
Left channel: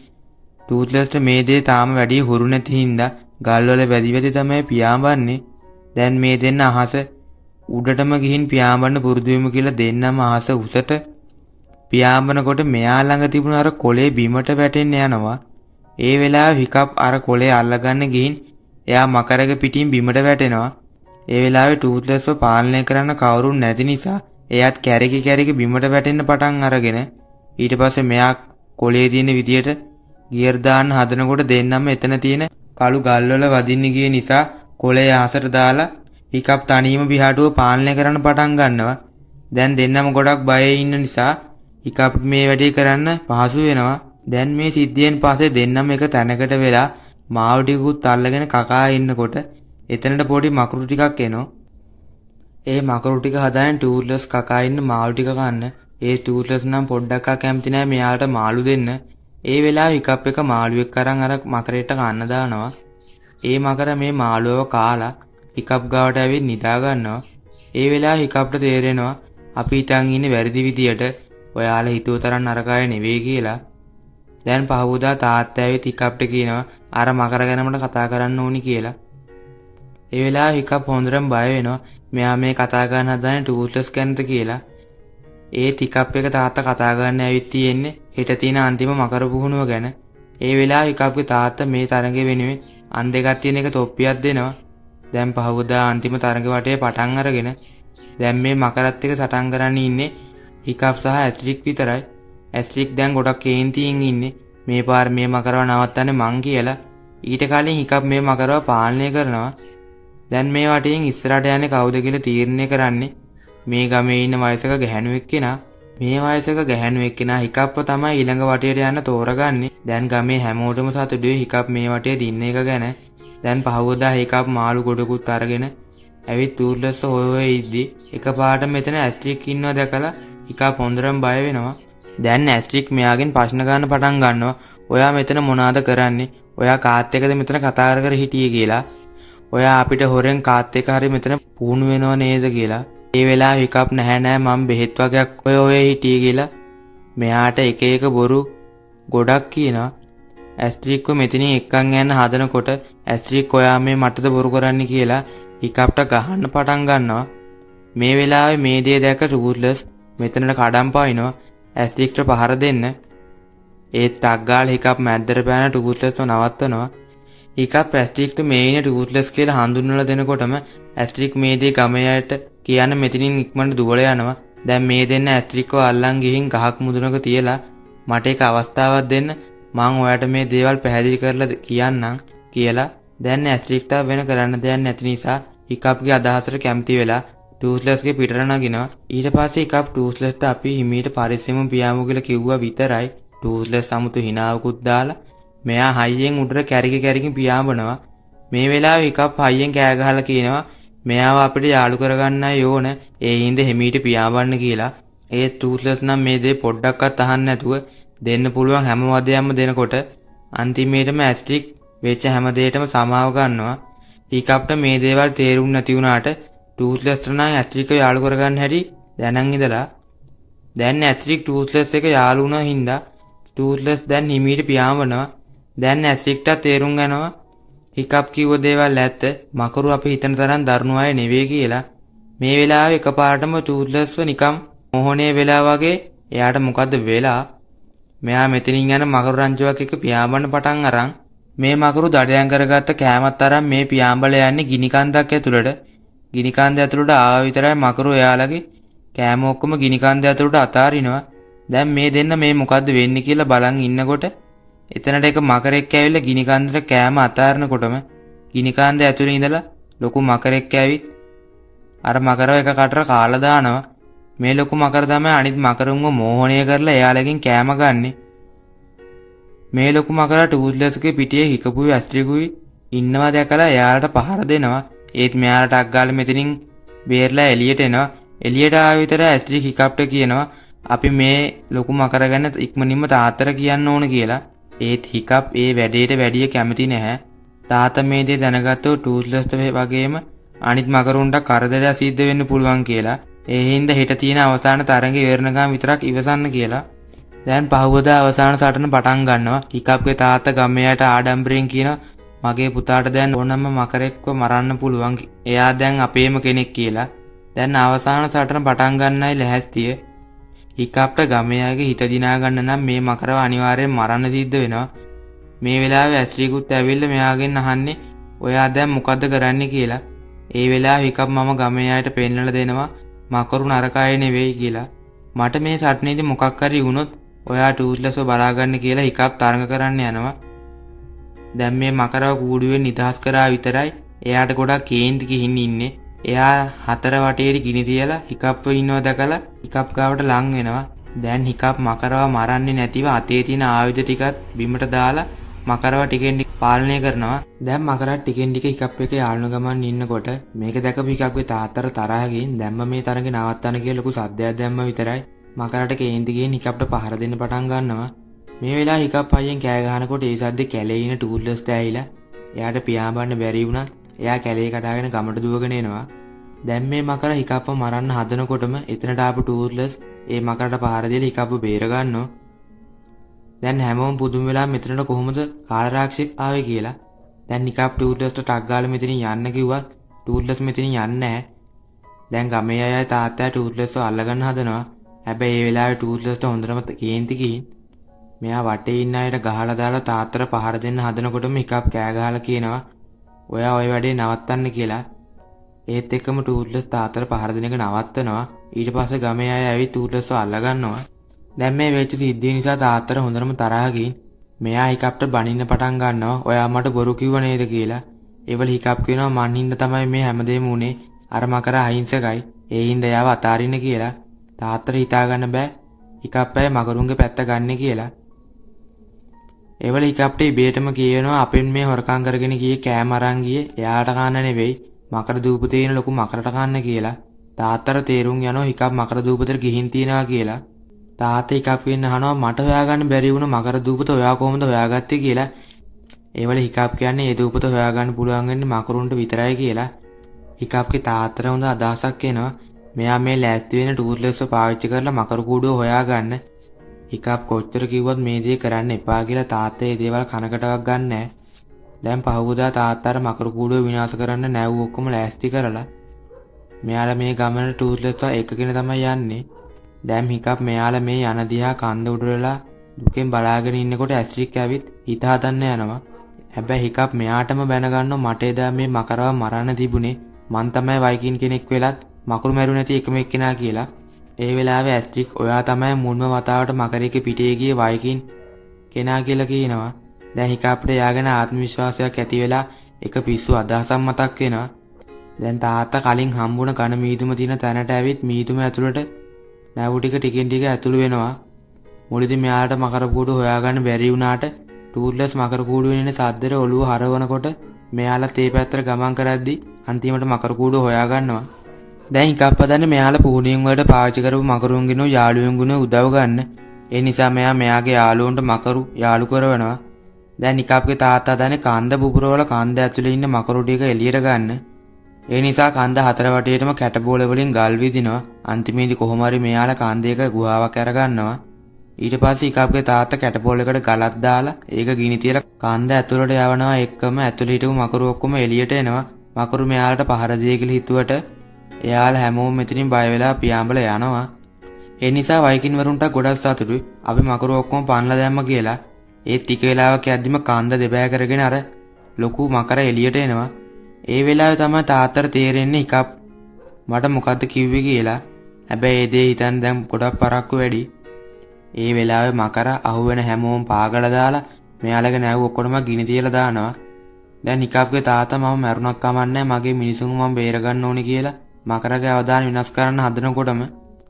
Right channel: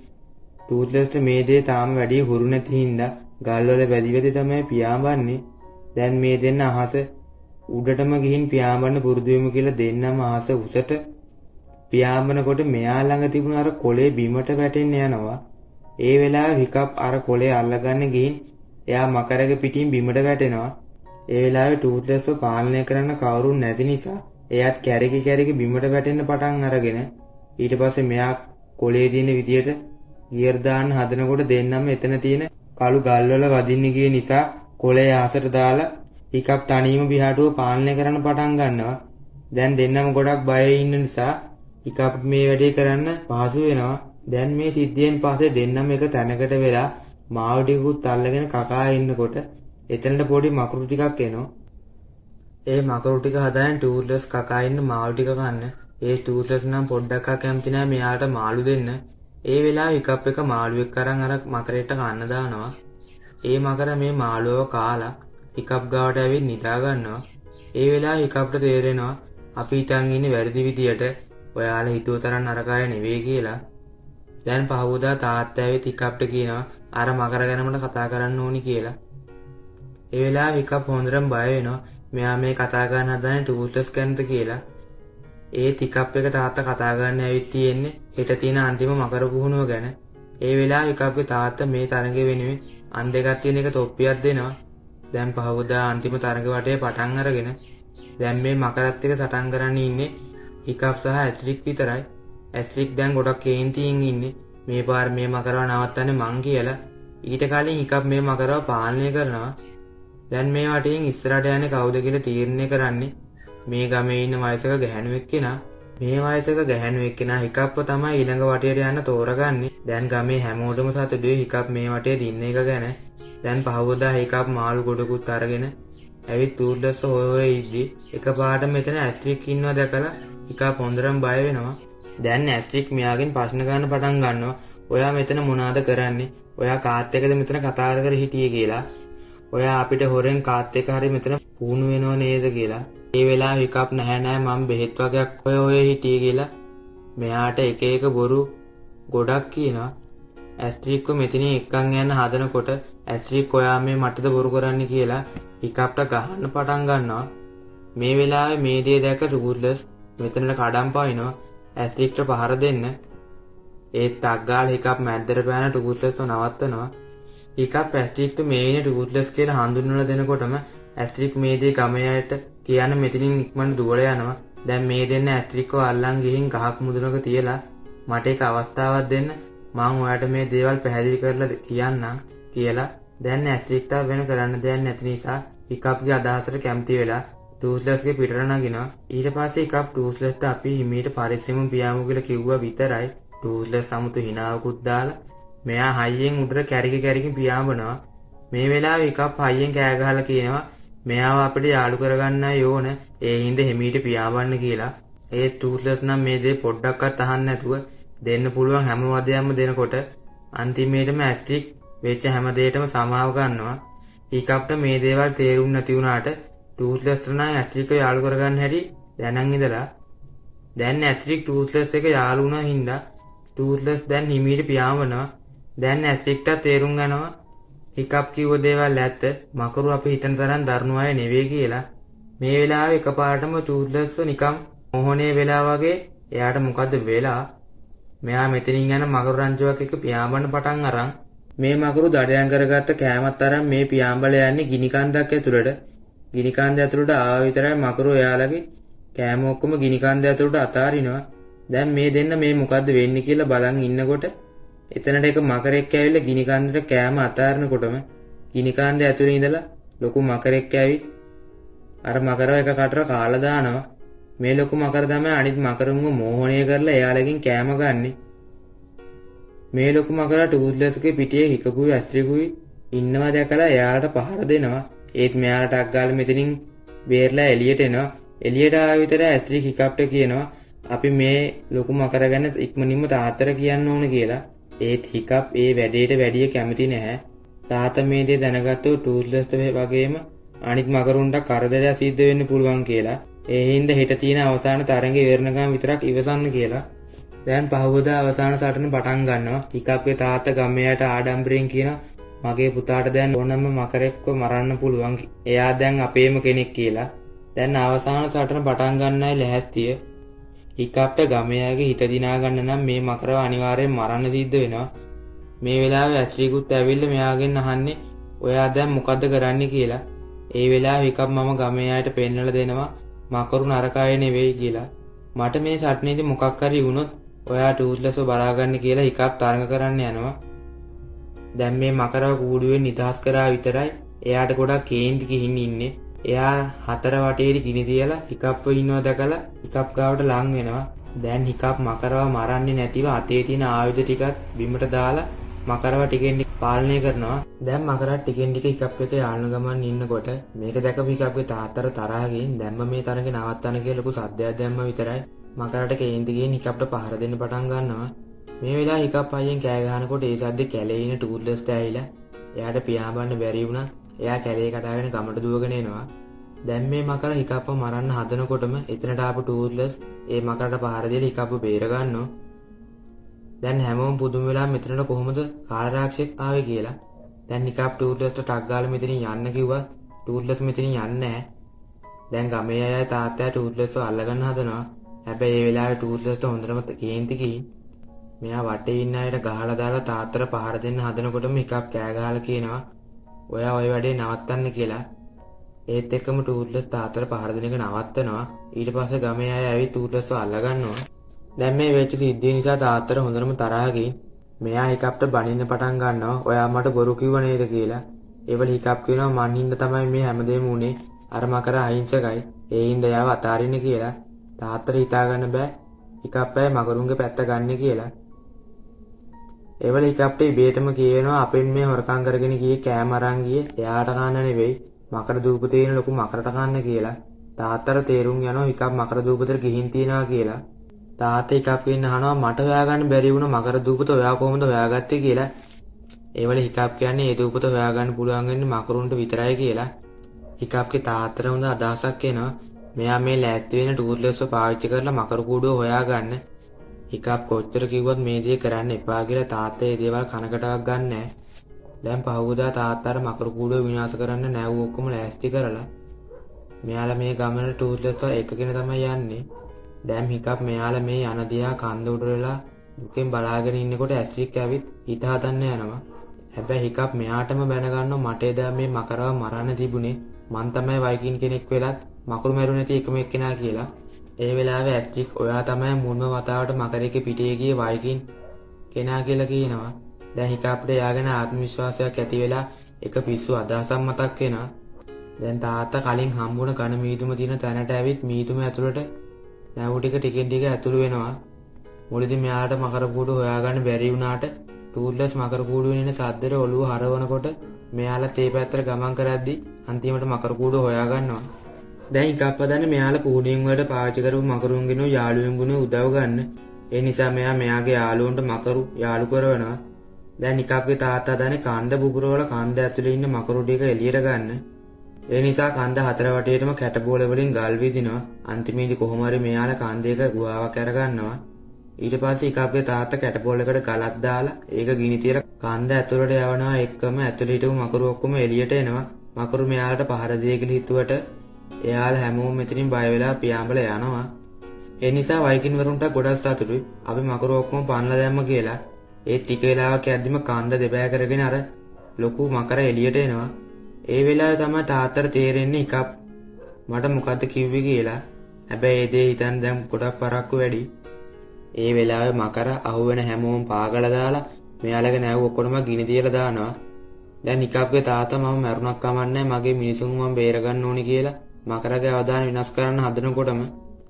ටූත්ලස්ට මේ දේ තාම වැඩි හුරු නැති හින්දා ගල්වල වැදි තමයි පියාඹන්නේ. දැන් මේ දෙන්න අහස උඩටම ගිහින් පියාඹන්න පුරුදු වෙමු කියලා දෙන්නම අහස උසට පියාඹනකොට මෙයා ළඟ තිබුණ අර කොලේ බිමට වැටෙන්න යනවා. ඒ වෙලාවේ හිකප් අර කොලේ අල්ලගන්න ගිහින් එයා මකරගේ පිටින් බිමට වැටෙනවා. ඒ වෙලාවේ ටූත්ලස්ව පාලනය කරන්න කවුරුන් නැති නිසා එයාත් කැරකි බිමට වැටෙන්න පටන් අරගෙන ඊට පස්සේ මෙයා කොලේ තියෙන විදියට ගියර් දාන්න හදනකොට දෙන්නම එතන තියෙන කළු ගල්වල වදින්න ගිය නිසා කොලේ ආසට දාලා හිකප් තනියම පිහාටුව පාලනය කරන්න පටන් ගන්නවා. දැන් දෙන්නම ගොඩක් බයේ ඉන්න නිසා හිකප් මේ වැඩේ කරන්න පහසු වෙනවා. දැන් මේ සිද්ධියෙන් පස්සේ දෙන්නම එක තැනකට වෙලා මාළු ටිකකුත් අල්ලගෙන කකා ඉන්නකොට එතනට පොඩි මකුරු ටිකක් එනවා. ඒ මකුරු ටික හදාගෙන ටූත්ලස් කකා ඉන්න මාළු ටික කන්න. ඒ ටූත්ලස් නම් පොඩ්ඩක් කැමති නැහැ මෙයාට මාළු දෙන්න. ඒ වෙලාවේ හිකප් එක මාළුවෙක් අරන් අර මකරේට කන්න දානවා. ඒ මකර මේ මාළුවව කාලා හිකප් ගාවට ඇවිත් නිදා ගන්නවා. ඒ වෙලාවේ හිකප්ට තේරෙනවා අපි හිතන් ඉන්නේ වැරදි විදියට. ඔයාලා හිතුව තරම් නරකය නෙවෙයි කියලා. දැන් පහවදා තාත්තා ඇවිත් හිකප්ට කියනවා අර මකර ගැන මට කතා කරන්න ඕනි කියලා. ඒ වෙලාවේ හිකප් හොඳටම බය වෙනවා. මෙයා මේ කතා කරන්න හදන්නේ ටූත්ලස් ගැනද කියලා. ඒත් හිකප් එක තාත්තා කතා කරන්න ඇවිත් තියෙන්නේ හෙට තියෙන අන්තිම මකර පුහුණුව ගැන. ඒ වෙලාවේ හිකප්ගේ තාත්තා මේ තරඟ වෙනුවෙන් අන් දෙකක් තියෙන එක තොප්පියක් දෙනවා. දැන් පහවදා අන්තිම තරඟ වටේ පටන් අරගෙන දැන් මේ මකරත් එක්ක සටන් කරන්න ඉන්නේ හිකප් සහ ඇස්ට්‍රික් විතරයි. ඇස්ට්‍රික් දැන් ගොඩක් කේන්තියෙන් ඉන්නේ මේ පාර මේ මකරව නවත්තන්නේ මං කියලා. ඊට කලින් හිකප් මේ මකරව පාලනය කරනවා. දැන් මේ වටේන් ඉස්සරහට යන්නේ කවුද කියලා තීරණය කරන්නේ මේ ගමේ ඉන්න වයසක ගැහැණුවෙක් කෙනා. මේ වයසක ගැහැණුවෙක් කෙනා හිකප්ව තමයි ඊළඟ වටේට යන්න තෝරගන්නේ. දැන් ගමේ හැමෝටම සතුටුයි හිකප් මේ වටේ දින්න එක ගැන. දැන් පහවදා හිකප් මාළු ගොඩකුත් අරගෙන ඇවිත් ටූත්ලස් හොය ඉද්දි එකපාරට මෙතන ඇස්ට්‍රික් ඉන්නවා දැකලා හිකප් හොඳටම බය වෙනවා. දැන් ඇස්ට්‍රික් මෙයාගෙන් ප්‍රශ්න ගන්න පටන් ගන්නවා. ඔයා මෙතන මොනවද කරන්නේ? ඔයා කාත් එක්කද මෙතන කතා කර හිටියේ කියලා. ඔයා අපිට හොරෙන් කාත් එක්ක හරි මෙතන පුහුණු වෙනව නේද කියලා. ඒ වෙලාව හිකප් නැහැ මම බෙහෙත් වගේක් ඔය හිටියේ කියලා. මෙයාට එක එක බොරු ගොඩක් කියනවා. ඇස්ට්‍රික්ව මෙතනින් එක්කන් යන්න හදනකොට ඇස්ට්‍රික් ඔයා මේ මටද බොරු කරන්න කියලා හිකප්ට ගහන්න පටන් ගන්නවා. මේ වෙලාවේ මේ දේ දැක ටූත්ලස් මෙතනට කඩම් පාිනවා ඇස්ට්‍රික්ට පහර දෙන්න. ඒත් ටක් ගාලා හිකප් මැද්දට පැන ටූත්ලස්ව නවත්තනවා. හිකප් ඇස්ට්‍රික්ට මේ ඉන්නේ ටූත්ලස් කියලා හඳුන්වලා දෙනකොටම ඇස්ට්‍රික් මේ දේ ගමයට කියන මෙතනින් ඉක්මනට දුවලා යනවා. දැන් මේ දෙන්න ඇස්ට්‍රික්ව අල්ලන් ගිහින් ගහක් මුදුනක තියලා මට එක අවස්ථාවක් දෙන්න මං ඔයාට මේ දේවල් පැහැදිලි කරලා කියන්නම් කියලා. දැන් ඇස්ට්‍රික්ට වෙන කරන්න දෙයක් නැති නිසා හිකප්ගේ අදහසට කැමති වෙලා ටූත්ලස්ගේ පිටර නගිනවා. ඊට පස්සේ හිකප් ටූත්ලස්ට අපි හිමීට පරිස්සමෙන් පියාමු කියලා කිව්වා විතරයි. ටූත්ලස් සමුතු හිනාවකුත් දාලා මෙයා හයියෙන් උඩට කැරකි පියාඹනවා. මේ වෙලාවේ හිකප් හයියෙන් කෑ ගහලා කියනවා මෙයාව අපිට යාළු කරගන්නයි ඕන. ඒ හින්දා හිමීට පියාඹන්න කියලා. ඒ ටූත්ලස් නම් මේ දේ පොඩ්ඩක්වත් අහන්න නැතුව දෙන්න පුළුවන් හැම වදයක්ම දෙනකොට අන්තිමේටම ඇස්ට්‍රික් වෙච්ච හැම දෙයකටම සමාව ගන්නවා. හිකප්ට මේ දේවල් තේරුම් නැති වුණාට ටූත්ලස්ට නම් ඇස්ට්‍රික්ව යාළු කරගන්න හැටි දැනන් ඉඳලා දැන් ඇස්ට්‍රික් ටූත්ලස් එක යාළු වුණා හින්දා ටූත්ලස් දැන් හිමීට පියාඹනවා. දැන් ඇස්ට්‍රික්ට තේරුම් ගන්නවා හිකප් කිව්ව දේවල් ඇත්ත මකරු අපි හිතන තරම් දරුණු අය නෙවෙයි කියලා. මේ වෙලාවේ එකපාරටම ටූත්ලස්ව නිකම් මොහොනේ වෙලා වගේ එයාට මොකද්ද වෙලා මෙයා මෙතනින් යන මකරු රංචුවක් එක්ක පියාඹන්න පටන් අරන් මේ මකරු දඩයන් කරගත්ත කෑමත් අරන් මේ පියාඹල යන්නේ ගිනි කන්දක් ඇතුළට. ගිනි කන්ද ඇතුළට ආව විතරයි මකරු එයාලගේ කෑම ඔක්කොම ගිනි කන්ද ඇතුළට අතාරිනවා. දැන් මේ දෙන්න මේ මොකද්ද වෙන්නේ කියලා බලන් ඉන්නකොට එතනට එක මකරෙක් ඇවිල්ලා ගිනි කන්දට කෑම අතාරනකොටම ගිනි කන්ද ඇතුළේ ඉඳලා ලොකු මකරෙක් ඇවිත් අර මකරව එක කටට කාලා දානවා. මේ ලොකු මකර තමයි අනිත් මකරුන්ව මෝහණය කරලා එයාලගෙන් කෑම ගන්නෙ. මේ ලොකු මකර ටූත්ලස්ගේ පිටියේ හිකපුයි ඇස්ට්‍රිකුයි ඉන්නවා දැකලා එයාලට පහර දෙනවා. ඒත් මෙයාලට අග්ගාල මෙතනින් බේරලා එළියට එනවා. එළියට ආව විතර ඇස්ට්‍රික් හිකප්ට කියනවා අපි මේ ලොකු මකර ගැන ඉක්මනින්ම තාත්තට කියන්න ඕන කියලා. ඒත් හිකප් ඒ වැඩේට වැඩිය කැමති නැහැ. තාත්තා මේ දේ දැනගත්තොත් ටූත්ලස්ට වගේම අනිත් මකරුන්ට කරදරයක් සිද්ධ වෙන්න පුළුවන් කියලා. ඒ හින්දා හෙට තියෙන අවසාන තරඟේ ඉවරනකම් විතරක් ඉවසන්න කියලා. දැන් පහවදා අවසාන සටන පටන් ගන්නවා. හිකප්ගේ තාත්තා ගමයට ආඩම්බරෙන් කියනවා මගේ පුතාට දැන් ඕනම මකරෙක්ව මරන්න පුළුවන්. එයා දැන් අපේම කෙනෙක් කියලා. දැන් අවසාන සටන පටන් ගන්නයි ලැහැස්තිය. හිකප්ට ගමේ අයගේ හිත දිනා ගන්න නම් මේ මකරව අනිවාර්යෙන් මරන්න සිද්ධ වෙනවා. මේ වෙලාවේ ඇස්ට්‍රිකුත් ඇවිල්ලා මෙයාගෙන් අහන්නේ ඔයා දැන් මොකද්ද කරන්නේ කියලා. ඒ වෙලාවේ හිකප් මම ගමේ අයට පෙන්නලා දෙනවා මකරු නරකයි නෙවෙයි කියලා. මට මේ සටනේදී මොකක් හරි වුණොත් ඔයා ටූත්ලස්ව බලාගන්න කියලා හිකප් තරඟ කරන්න යනවා. දැන් මේ මකරව කූඩුවෙන් නිදහස් කරා විතරයි එයාට ගොඩක් කේන්ති ගිහින් ඉන්නේ. එයා හතර වටේට ගිනි තියලා හිකප්ව ඉන්නවා දැකලා හිකප් ගාවට ලං වෙනවා. දැන් හිකප් මකරව මරන්නේ නැතිව අතේ තියෙන ආයුධ ටිකත් බිමට දාලා මකරව ටිකෙන් ටික පාලනය කරනවා. දැන් මකරව ටිකෙන් ටික හිකප් එක යාළුන ගමන් ඉන්නකොට මේක දැකපු හිකප්ගේ තාත්තට තරහ ගිහින් දැම්ම මේ තරගේ නවත්තන්න කියලා ලොකු සද්දයක් දැම්ම විතරයි මකරට කේන්ති ගිහින් හිකප්ට පහර දෙන්න පටන් ගන්නවා. මේ වෙලාවේ හිකප් අයියෙන් කෑ ගහනකොට ඒ සද්දේ කැලේ ඉන ටූල්ලස්ට ඇවිලා එයාට පියාඹන්න බැරි වුණත් එයා කැලේ කඩාගෙන ගමට දුවගෙන එනවා. දැන් මේ මකර හිකප්ව මරන්න හදනකොටම එතනට ආපු ටූර්ලස් ඒ මකරට පහර දීලා හිකප්ව බේර ගන්නවා. දැන් හැමෝම පුදුම වෙලා මෙතනට කොහොමද කාලරාක්ෂෙක් ආවේ කියලා. දැන් හිකප් ටූර්ලස්ට ටක් ගාලා මෙතනින් යන්න කිව්වත් ටූර්ලස් මෙතනින් යන්නේ නැහැ. දැන් ගමේ අය තාත්තා ටූර්ලස්ව අල්ලගන්න හදනවා. හැබැයි ඒ වෙලාවේ ටූර්ලස්ට හොඳටම කේන්ති ගිහින් මෙයා වටේ ඉන්න අයට ගහලා දාලා තාත්තට පහර දෙන්න හදනකොටම හිකප් කෑ ගහලා කියනවා ඔයා ওই වැඩේ නවත්තන්න කියලා. ඒත් එක්කම ටූර්ලස් තාත්තට පහර දෙන එක නවත්තනවා. ඊට පස්සේ ගමේ අය ඇවිත් ටූර්ලස්ව අල්ලගන්නවා. දැන් මේ වෙච්ච සිද්ධිය නිසා තාත්තට හොඳටම තරහ ගිහින් මෙයා හිකප්ට බනින්න පටන් ගන්නවා. ඔයා මට බොරු කිව්ව නේද කියලා. ඒවල හිකප් කියනවා මන් හින්දා තමයි මේ හැමදේම උනේ. අර මකර අහිංසකයි. ඒ හින්දා එයාව අතාරින්න කියලා. තාත්තට හිතා ගන්න බෑ හිකප් අය මකරුන්ගේ පැත්ත ගන්න කියලා. ඒවල හිකප්ට ඉබේටම කියනවා අපෙන් මේ හොරකම් කරගෙන ගියේ කෑම අරන් ගියේ එයාට කන්න නෙවෙයි මකර දූපතේ ඉන ලොකු මකරට කන්න කියලා. තාත්තට තේරුම් යනවා හිකප් මකර දූපතට ගිහින් තියනවා කියලා. තාත්තා හිකප්ගෙන් අහනවා මට හොයාගන්න බැරි වුණ මකර දූපත ඔයා කොහොමද හොයාගත්තේ කියලා. ඒවල හිකප් කියන්නේ ඒ දූපත හොයාගන්න පුළුවන් වෙන්නේ මකරුන්ට විතරයි කියලා. හිකප්ගේ තාත්තට හොඳ අදහසක් එනවා. මෙයා මේ ලෑස්ති වෙන ටූර්ලස්ව පාවිච්චි කරලා මකර කූඩුව හොයාගන්න. හිකප් කොච්චර කිව්වත් මේ දේ කරන්න එපා කියලා තාත්තා ඒ දේවල් කනකටවත් ගන්නෑ. දැන් පහුවදා තාත්තාට මකර කූඩුව විනාශ කරන්න නැව් ඔක්කොම ලෑස්ති කරලා මෙයාලා මේ ගමන ටූර්ලස්ව එකගෙන තමයි යන්නේ. දැන් හිකප් මෙයාලා මේ යන දිහා කන්ද උඩරලා දුකෙන් බලාගෙන ඉන්නකොට ඇස්ට්‍රික් ඇවිත් හිත හදන්න යනවා. හැබැයි හිකප් මෙයාටම බැන ගන්නවා මට එදා මේ මකරව මරන්න තිබුණේ මං තමයි වයිකින් කෙනෙක් වෙලත් මකරු මැරු නැති එකම එක්කෙනා කියලා. ඒ වෙලාවේ ඇස්ට්‍රික් ඔයා තමයි මුල්ම වතාවට මකරේක පිටේ ගියේ වයිකින් කෙනා කියලා කියනවා. දැන් හිකප්ට යාගෙන ආත්ම විශ්වාසයක් ඇති වෙලා එක පිස්සු අදහසක් මතක් වෙනවා. දැන් තාත්තා කලින් හම්බුණ කන මීදුම තියෙන තැනට ඇවිත් මීදුම ඇතුළට නැව් ටික ටිකෙන් ටික ඇතුළු වෙනවා. මුලදී මෙයාට මකර කූඩුව හොයාගන්න බැරි වුණාට ටූර්ලස් මකර කූඩුවේ ඉන්න සද්දෙට ඔළුව හරවනකොට මෙයාලා තේ පැත්තට ගමන් කරද්දි අන්තිමට මකර කූඩුව හොයාගන්නවා. දැන් හිකප් හදන්නේ මෙයාලා පුහුණියන් වලට පාවිච්චි කරපු මකරුන්ගෙනු යාළුවෙන්ගුණ උදව් ගන්න. ඒ නිසා මෙයාගේ යාළුවන්ට මකරු යාළු කරවනවා. දැන් හිකප්ගේ තාත්තා හදන්නේ කන්ද බුබුරවල කන්ද ඇතුලේ ඉන්න මකරු ටික එළියට ගන්න. ඒ නිසා කන්ද හතර වටේටම කැටබෝල වලින් ගල් විදිනවා. අන්තිමේදී කොහොම හරි මෙයාලා කන්දේක ගුහාවක් අරගන්නවා. ඊට පස්සේ හිකප්ගේ තාත්තා කැටබෝල එකට ගලක් දාලා ඒක ගිනි තියලා කන්ද ඇතුලට යවනවා. එක්කම ඇතුලේ හිටපු මකරු ඔක්කොම එළියට එනවා. මකරු මෙයාලට පහර දෙයි කියලා හිතුවට එයාලා හැමෝම මෙතනින් බය වෙලා පියාඹලා යනවා. ඒ නිසා වයිකින් වරුන්ට ගොඩක් සතුටුයි. අපි මකරු ඔක්කොම පන්ලා දැම්ම කියලා. ඒ ටික වෙලාවක් යද්දිම කන්ද දෙපෑ කරගෙන අර ලොකු මකර එළියට එනවා. ඒ වෙලාවේ තමයි තාත්තට තේරෙන්නේ හිකප් මට මොකද්ද කිව්වේ කියලා. හැබැයි ඒ දේ හිතන් දැන් ගොඩක් පරක්කු වැඩි. ඒ වෙලාවේ මකර අහුවෙන හැමෝම පාගල දාලා මෙයාලගේ නැව් ඔක්කොම ගිනි තියලා දානවා. දැන් හිකප්ගේ තාත්තා මම මරුණක් කමන්නේ මගේ මිනිසුන් මම බේර ගන්න ඕනේ කියලා මකරගේ අවදාන විනාශ කරන්න හදනකොටම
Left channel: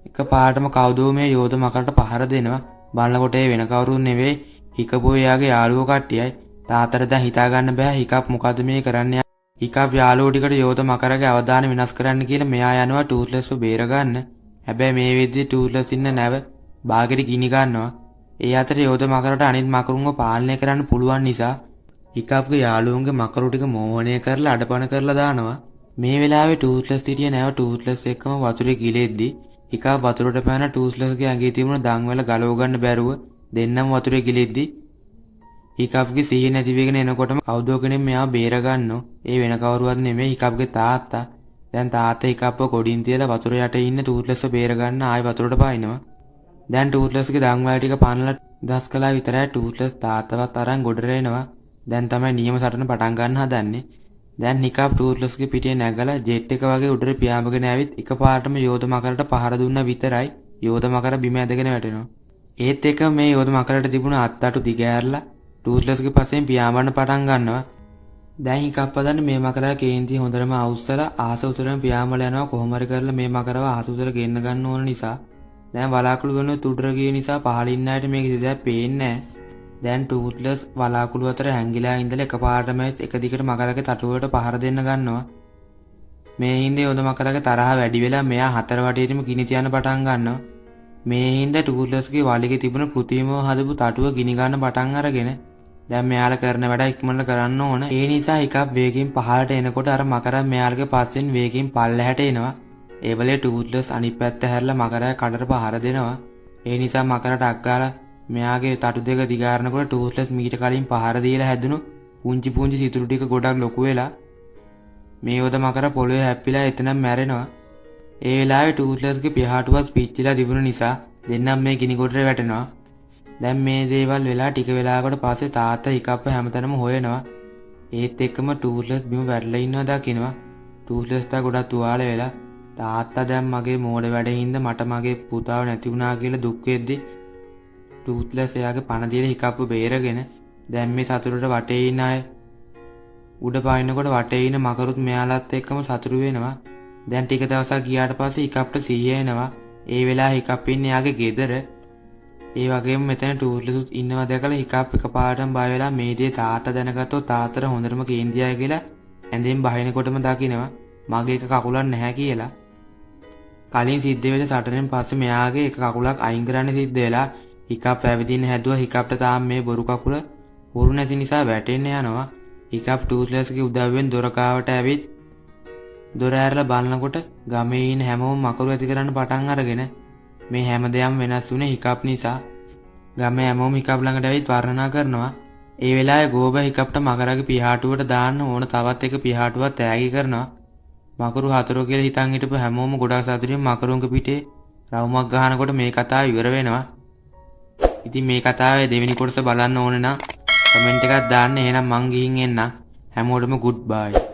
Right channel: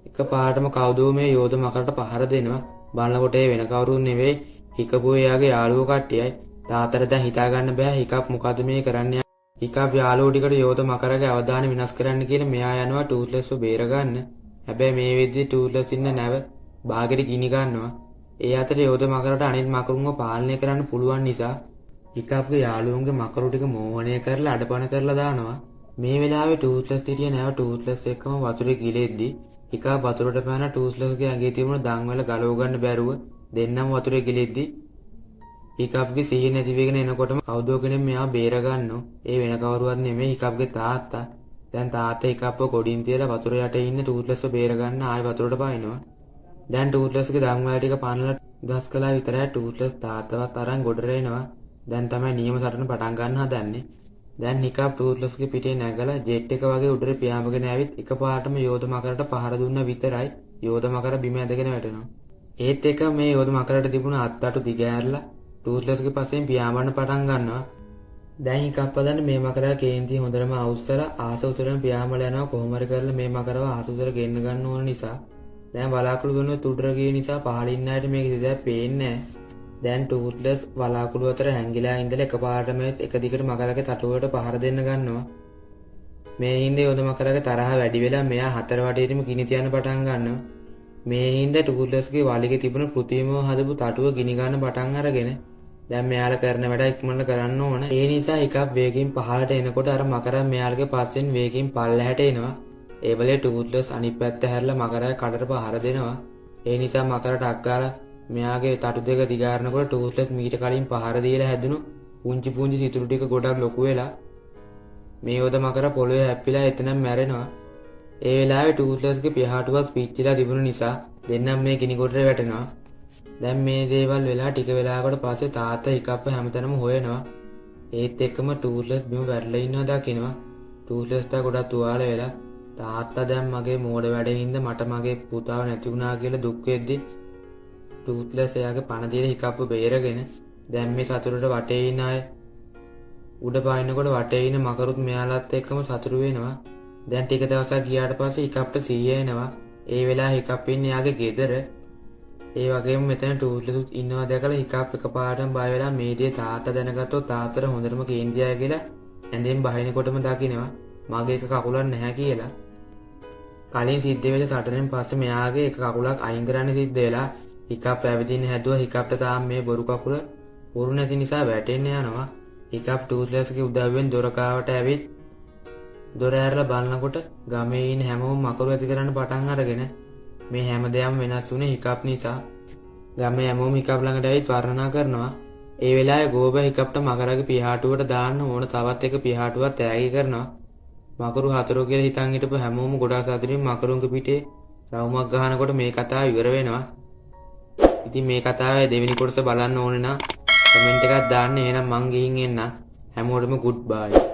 එක පාටම කවුදෝ මේ යෝධ මකරට පහර දෙනවා. බලනකොට ඒ වෙන කවුරුන් නෙවෙයි හිකපු එයාගේ යාළුවෝ කට්ටියයි. තාත්තට දැන් හිතා ගන්න බෑ හිකප් මොකද මේ කරන්නේ. හිකප් යාළුවෝ ටිකට යෝධ මකරගේ අවදාන විනාශ කරන්න කියලා මෙයා යනවා ටූර්ලස්ව බේර ගන්න. හැබැයි මේ වෙද්දි ටූර්ලස් ඉන්න නැව බාගෙට ගිනි ගන්නවා. ඒ අතර යෝධ මකරට අනිත් මකරුන්ව පාලනය කරන්න පුළුවන් නිසා හිකප්ගේ යාළුවන්ගේ මකරු ටික මෝහණය කරලා අඩපණ කරලා දානවා. මේ වෙලාවේ ටූර්ලස් හිටිය නැව ටූර්ලස් එක්කම වතුරේ ගිලෙද්දි හිකප් වතුරට පැන ටූර්ලස්ගේ ඇඟේ තිබුණ දන්වැල ගලව ගන්න බැරුව දෙන්නම වතුරේ ගිලෙද්දි හිකප්ගේ සිහිය නැති වෙගෙන එනකොටම කවුදෝ කෙනෙක් මෙයාව බේර ගන්නවා. ඒ වෙන කවුරුවත් නෙමෙයි හිකප්ගේ තාත්තා. දැන් තාත්තා හිකප්ව ගොඩින් තියලා වතුර යට ඉන්න ටූර්ලස්ව බේර ගන්න ආයෙ වතුරට පායිනවා. දැන් ටූත්ලස්ගේ දඟුලා ටික පනලා දස් කළා විතරයි ටූත්ලස් තාත්තවත් අරන් ගොඩට එනවා. දැන් තමයි නියම සටන පටන් ගන්න හදන්නේ. දැන් නිකාබ් ටූත්ලස්ගේ පිටේ නැගලා ජෙට් එක වගේ උඩට පියාඹගෙන ඇවිත් එකපාරටම යෝධ මකරට පහර දුන්නා විතරයි යෝධ මකර බිම ඇදගෙන වැටෙනවා. ඒත් එක මේ යෝධ මකරට තිබුණ අත්තටු දිගෑරලා ටූත්ලස්ගේ පස්සෙන් පියාඹන්න පටන් ගන්නවා. දැන් හිකප් හදන්න මේ මකරා කේන්ති හොඳටම අවුස්සලා ආස උතරම පියාඹලා යනවා. කොහොම හරි කරලා මේ මකරව ආස උතර ගෙන්න ගන්න ඕන නිසා දැන් වලාකුළු වෙනුත් උඩර ගිය නිසා පහලින් ආයට මේක දෙයක් පේන්නේ නැහැ. දැන් ටූත්ලස් වලාකුළු අතර හැංගිලා ඉඳලා එකපාරටම එක දිගට මකරගේ තටුවට පහර දෙන්න ගන්නවා. මේ හින්දා යෝධ මකරගේ තරහ වැඩි වෙලා මෙයා හතර වටේටම ගිනි තියන්න පටන් ගන්නවා. මේ හින්දා ටූත්ලස්ගේ වලිගේ තිබුණ කෘතිමව හදපු තටුව ගිනි ගන්න පටන් අරගෙන දැන් මෙයාලා කරන වැඩ ඉක්මනට කරන්න ඕන. ඒ නිසා එකක් වේගින් පහළට එනකොට අර මකරා මෙයාලගේ පස්සෙන් වේගින් පල්ලෙහාට එනවා. ඒ වෙලේ ටූත්ලස් අනිත් පැත්ත හැරලා මකරා කඩට පහර දෙනවා. ඒ නිසා මකරට අක්කාලා මෙයාගේ තටු දෙක දිගාරනකොට ටූත්ලස් මීට කලින් පහර දීලා හැදුණු පුංචි පුංචි සිතුරු ටික ගොඩක් ලොකු වෙලා මේ යෝධ මකරා පොළවේ හැප්පිලා එතනම මැරෙනවා. ඒ වෙලාවේ ටූත්ලස්ගේ පියාටුවත් පිච්චිලා තිබුණ නිසා දෙන්නම් මේ ගිනි ගොඩට වැටෙනවා. දැන් මේ දේවල් වෙලා ටික වෙලාවකට පස්සේ තාත්තා හිකප්ප හැමතැනම හොයනවා. ඒත් එක්කම ටූත්ලස් බිම වැටලා ඉන්නවා දකිනවා. ටූත්ලස්ට ගොඩක් තුවාල වෙලා තාත්තා දැන් මගේ මෝඩ වැඩින්ද මට මගේ පුතාව නැති වුණා කියලා දුක් වෙද්දි ටූත්ලස් එයාගේ පණ දීලා හිකප්ප බේරගෙන දැන් මේ සතුටට වටේ ඉන්න අය උඩ පායනකොට වටේ ඉන්න මකරුත් මෙයාලත් එක්කම සතුටු වෙනවා. දැන් ටික දවසක් ගියාට පස්සේ හිකප්ට සීය එනවා. ඒ වෙලාවේ හිකප් ඉන්නේ යාගේ ගෙදර. ඒ වගේම මෙතන ටූත්ලස් ඉන්නවා දැකලා හිකප් එකපාරටම බය වෙලා මේ දේ තාත්තා දැනගත්තොත් තාත්තට හොඳටම කේන්තියයි කියලා ඇඳෙන් බහිනකොටම දකිනවා මගේ එක කකුලක් නැහැ කියලා. කලින් සිද්ධ වෙච්ච සටනෙන් පස්සේ මෙයාගේ එක කකුලක් අයින් කරන්න සිද්ධ වෙලා හිකප් පැවිදින්න හැදුවා. හිකප්ට තාම මේ බොරු කකුල උරු නැති නිසා වැටෙන්න යනවා. හිකප් ටූත්ලස්ගේ උදව්වෙන් දොරකාවට ඇවිත් දොර ඇරලා බලනකොට ගමේ ඉන්න හැමෝම මකරු ඇති කරන්න පටන් අරගෙන මේ හැමදේම වෙනස් වුණේ හිකප් නිසා. ගමේ හැමෝම හිකප් ළඟට ඇවිත් වර්ණනා කරනවා. ඒ වෙලාවේ ගෝබ හිකප්ට මකරගේ පියාටුවට දාන්න ඕන තවත් එක පියාටුවක් තෑගි කරනවා. මකරු හතරෝ කියලා හිතන් හිටපු හැමෝම ගොඩක් සතුටින් මකරුන්ගේ පිටේ රවුමක් ගහනකොට මේ කතාව ඉවර වෙනවා. ඉතින් මේ කතාවේ දෙවෙනි කොටස බලන්න ඕන නම් කමෙන්ට් එකක් දාන්න. එහෙනම් මං ගිහින් එන්නම්. හැමෝටම ගුඩ් බයි.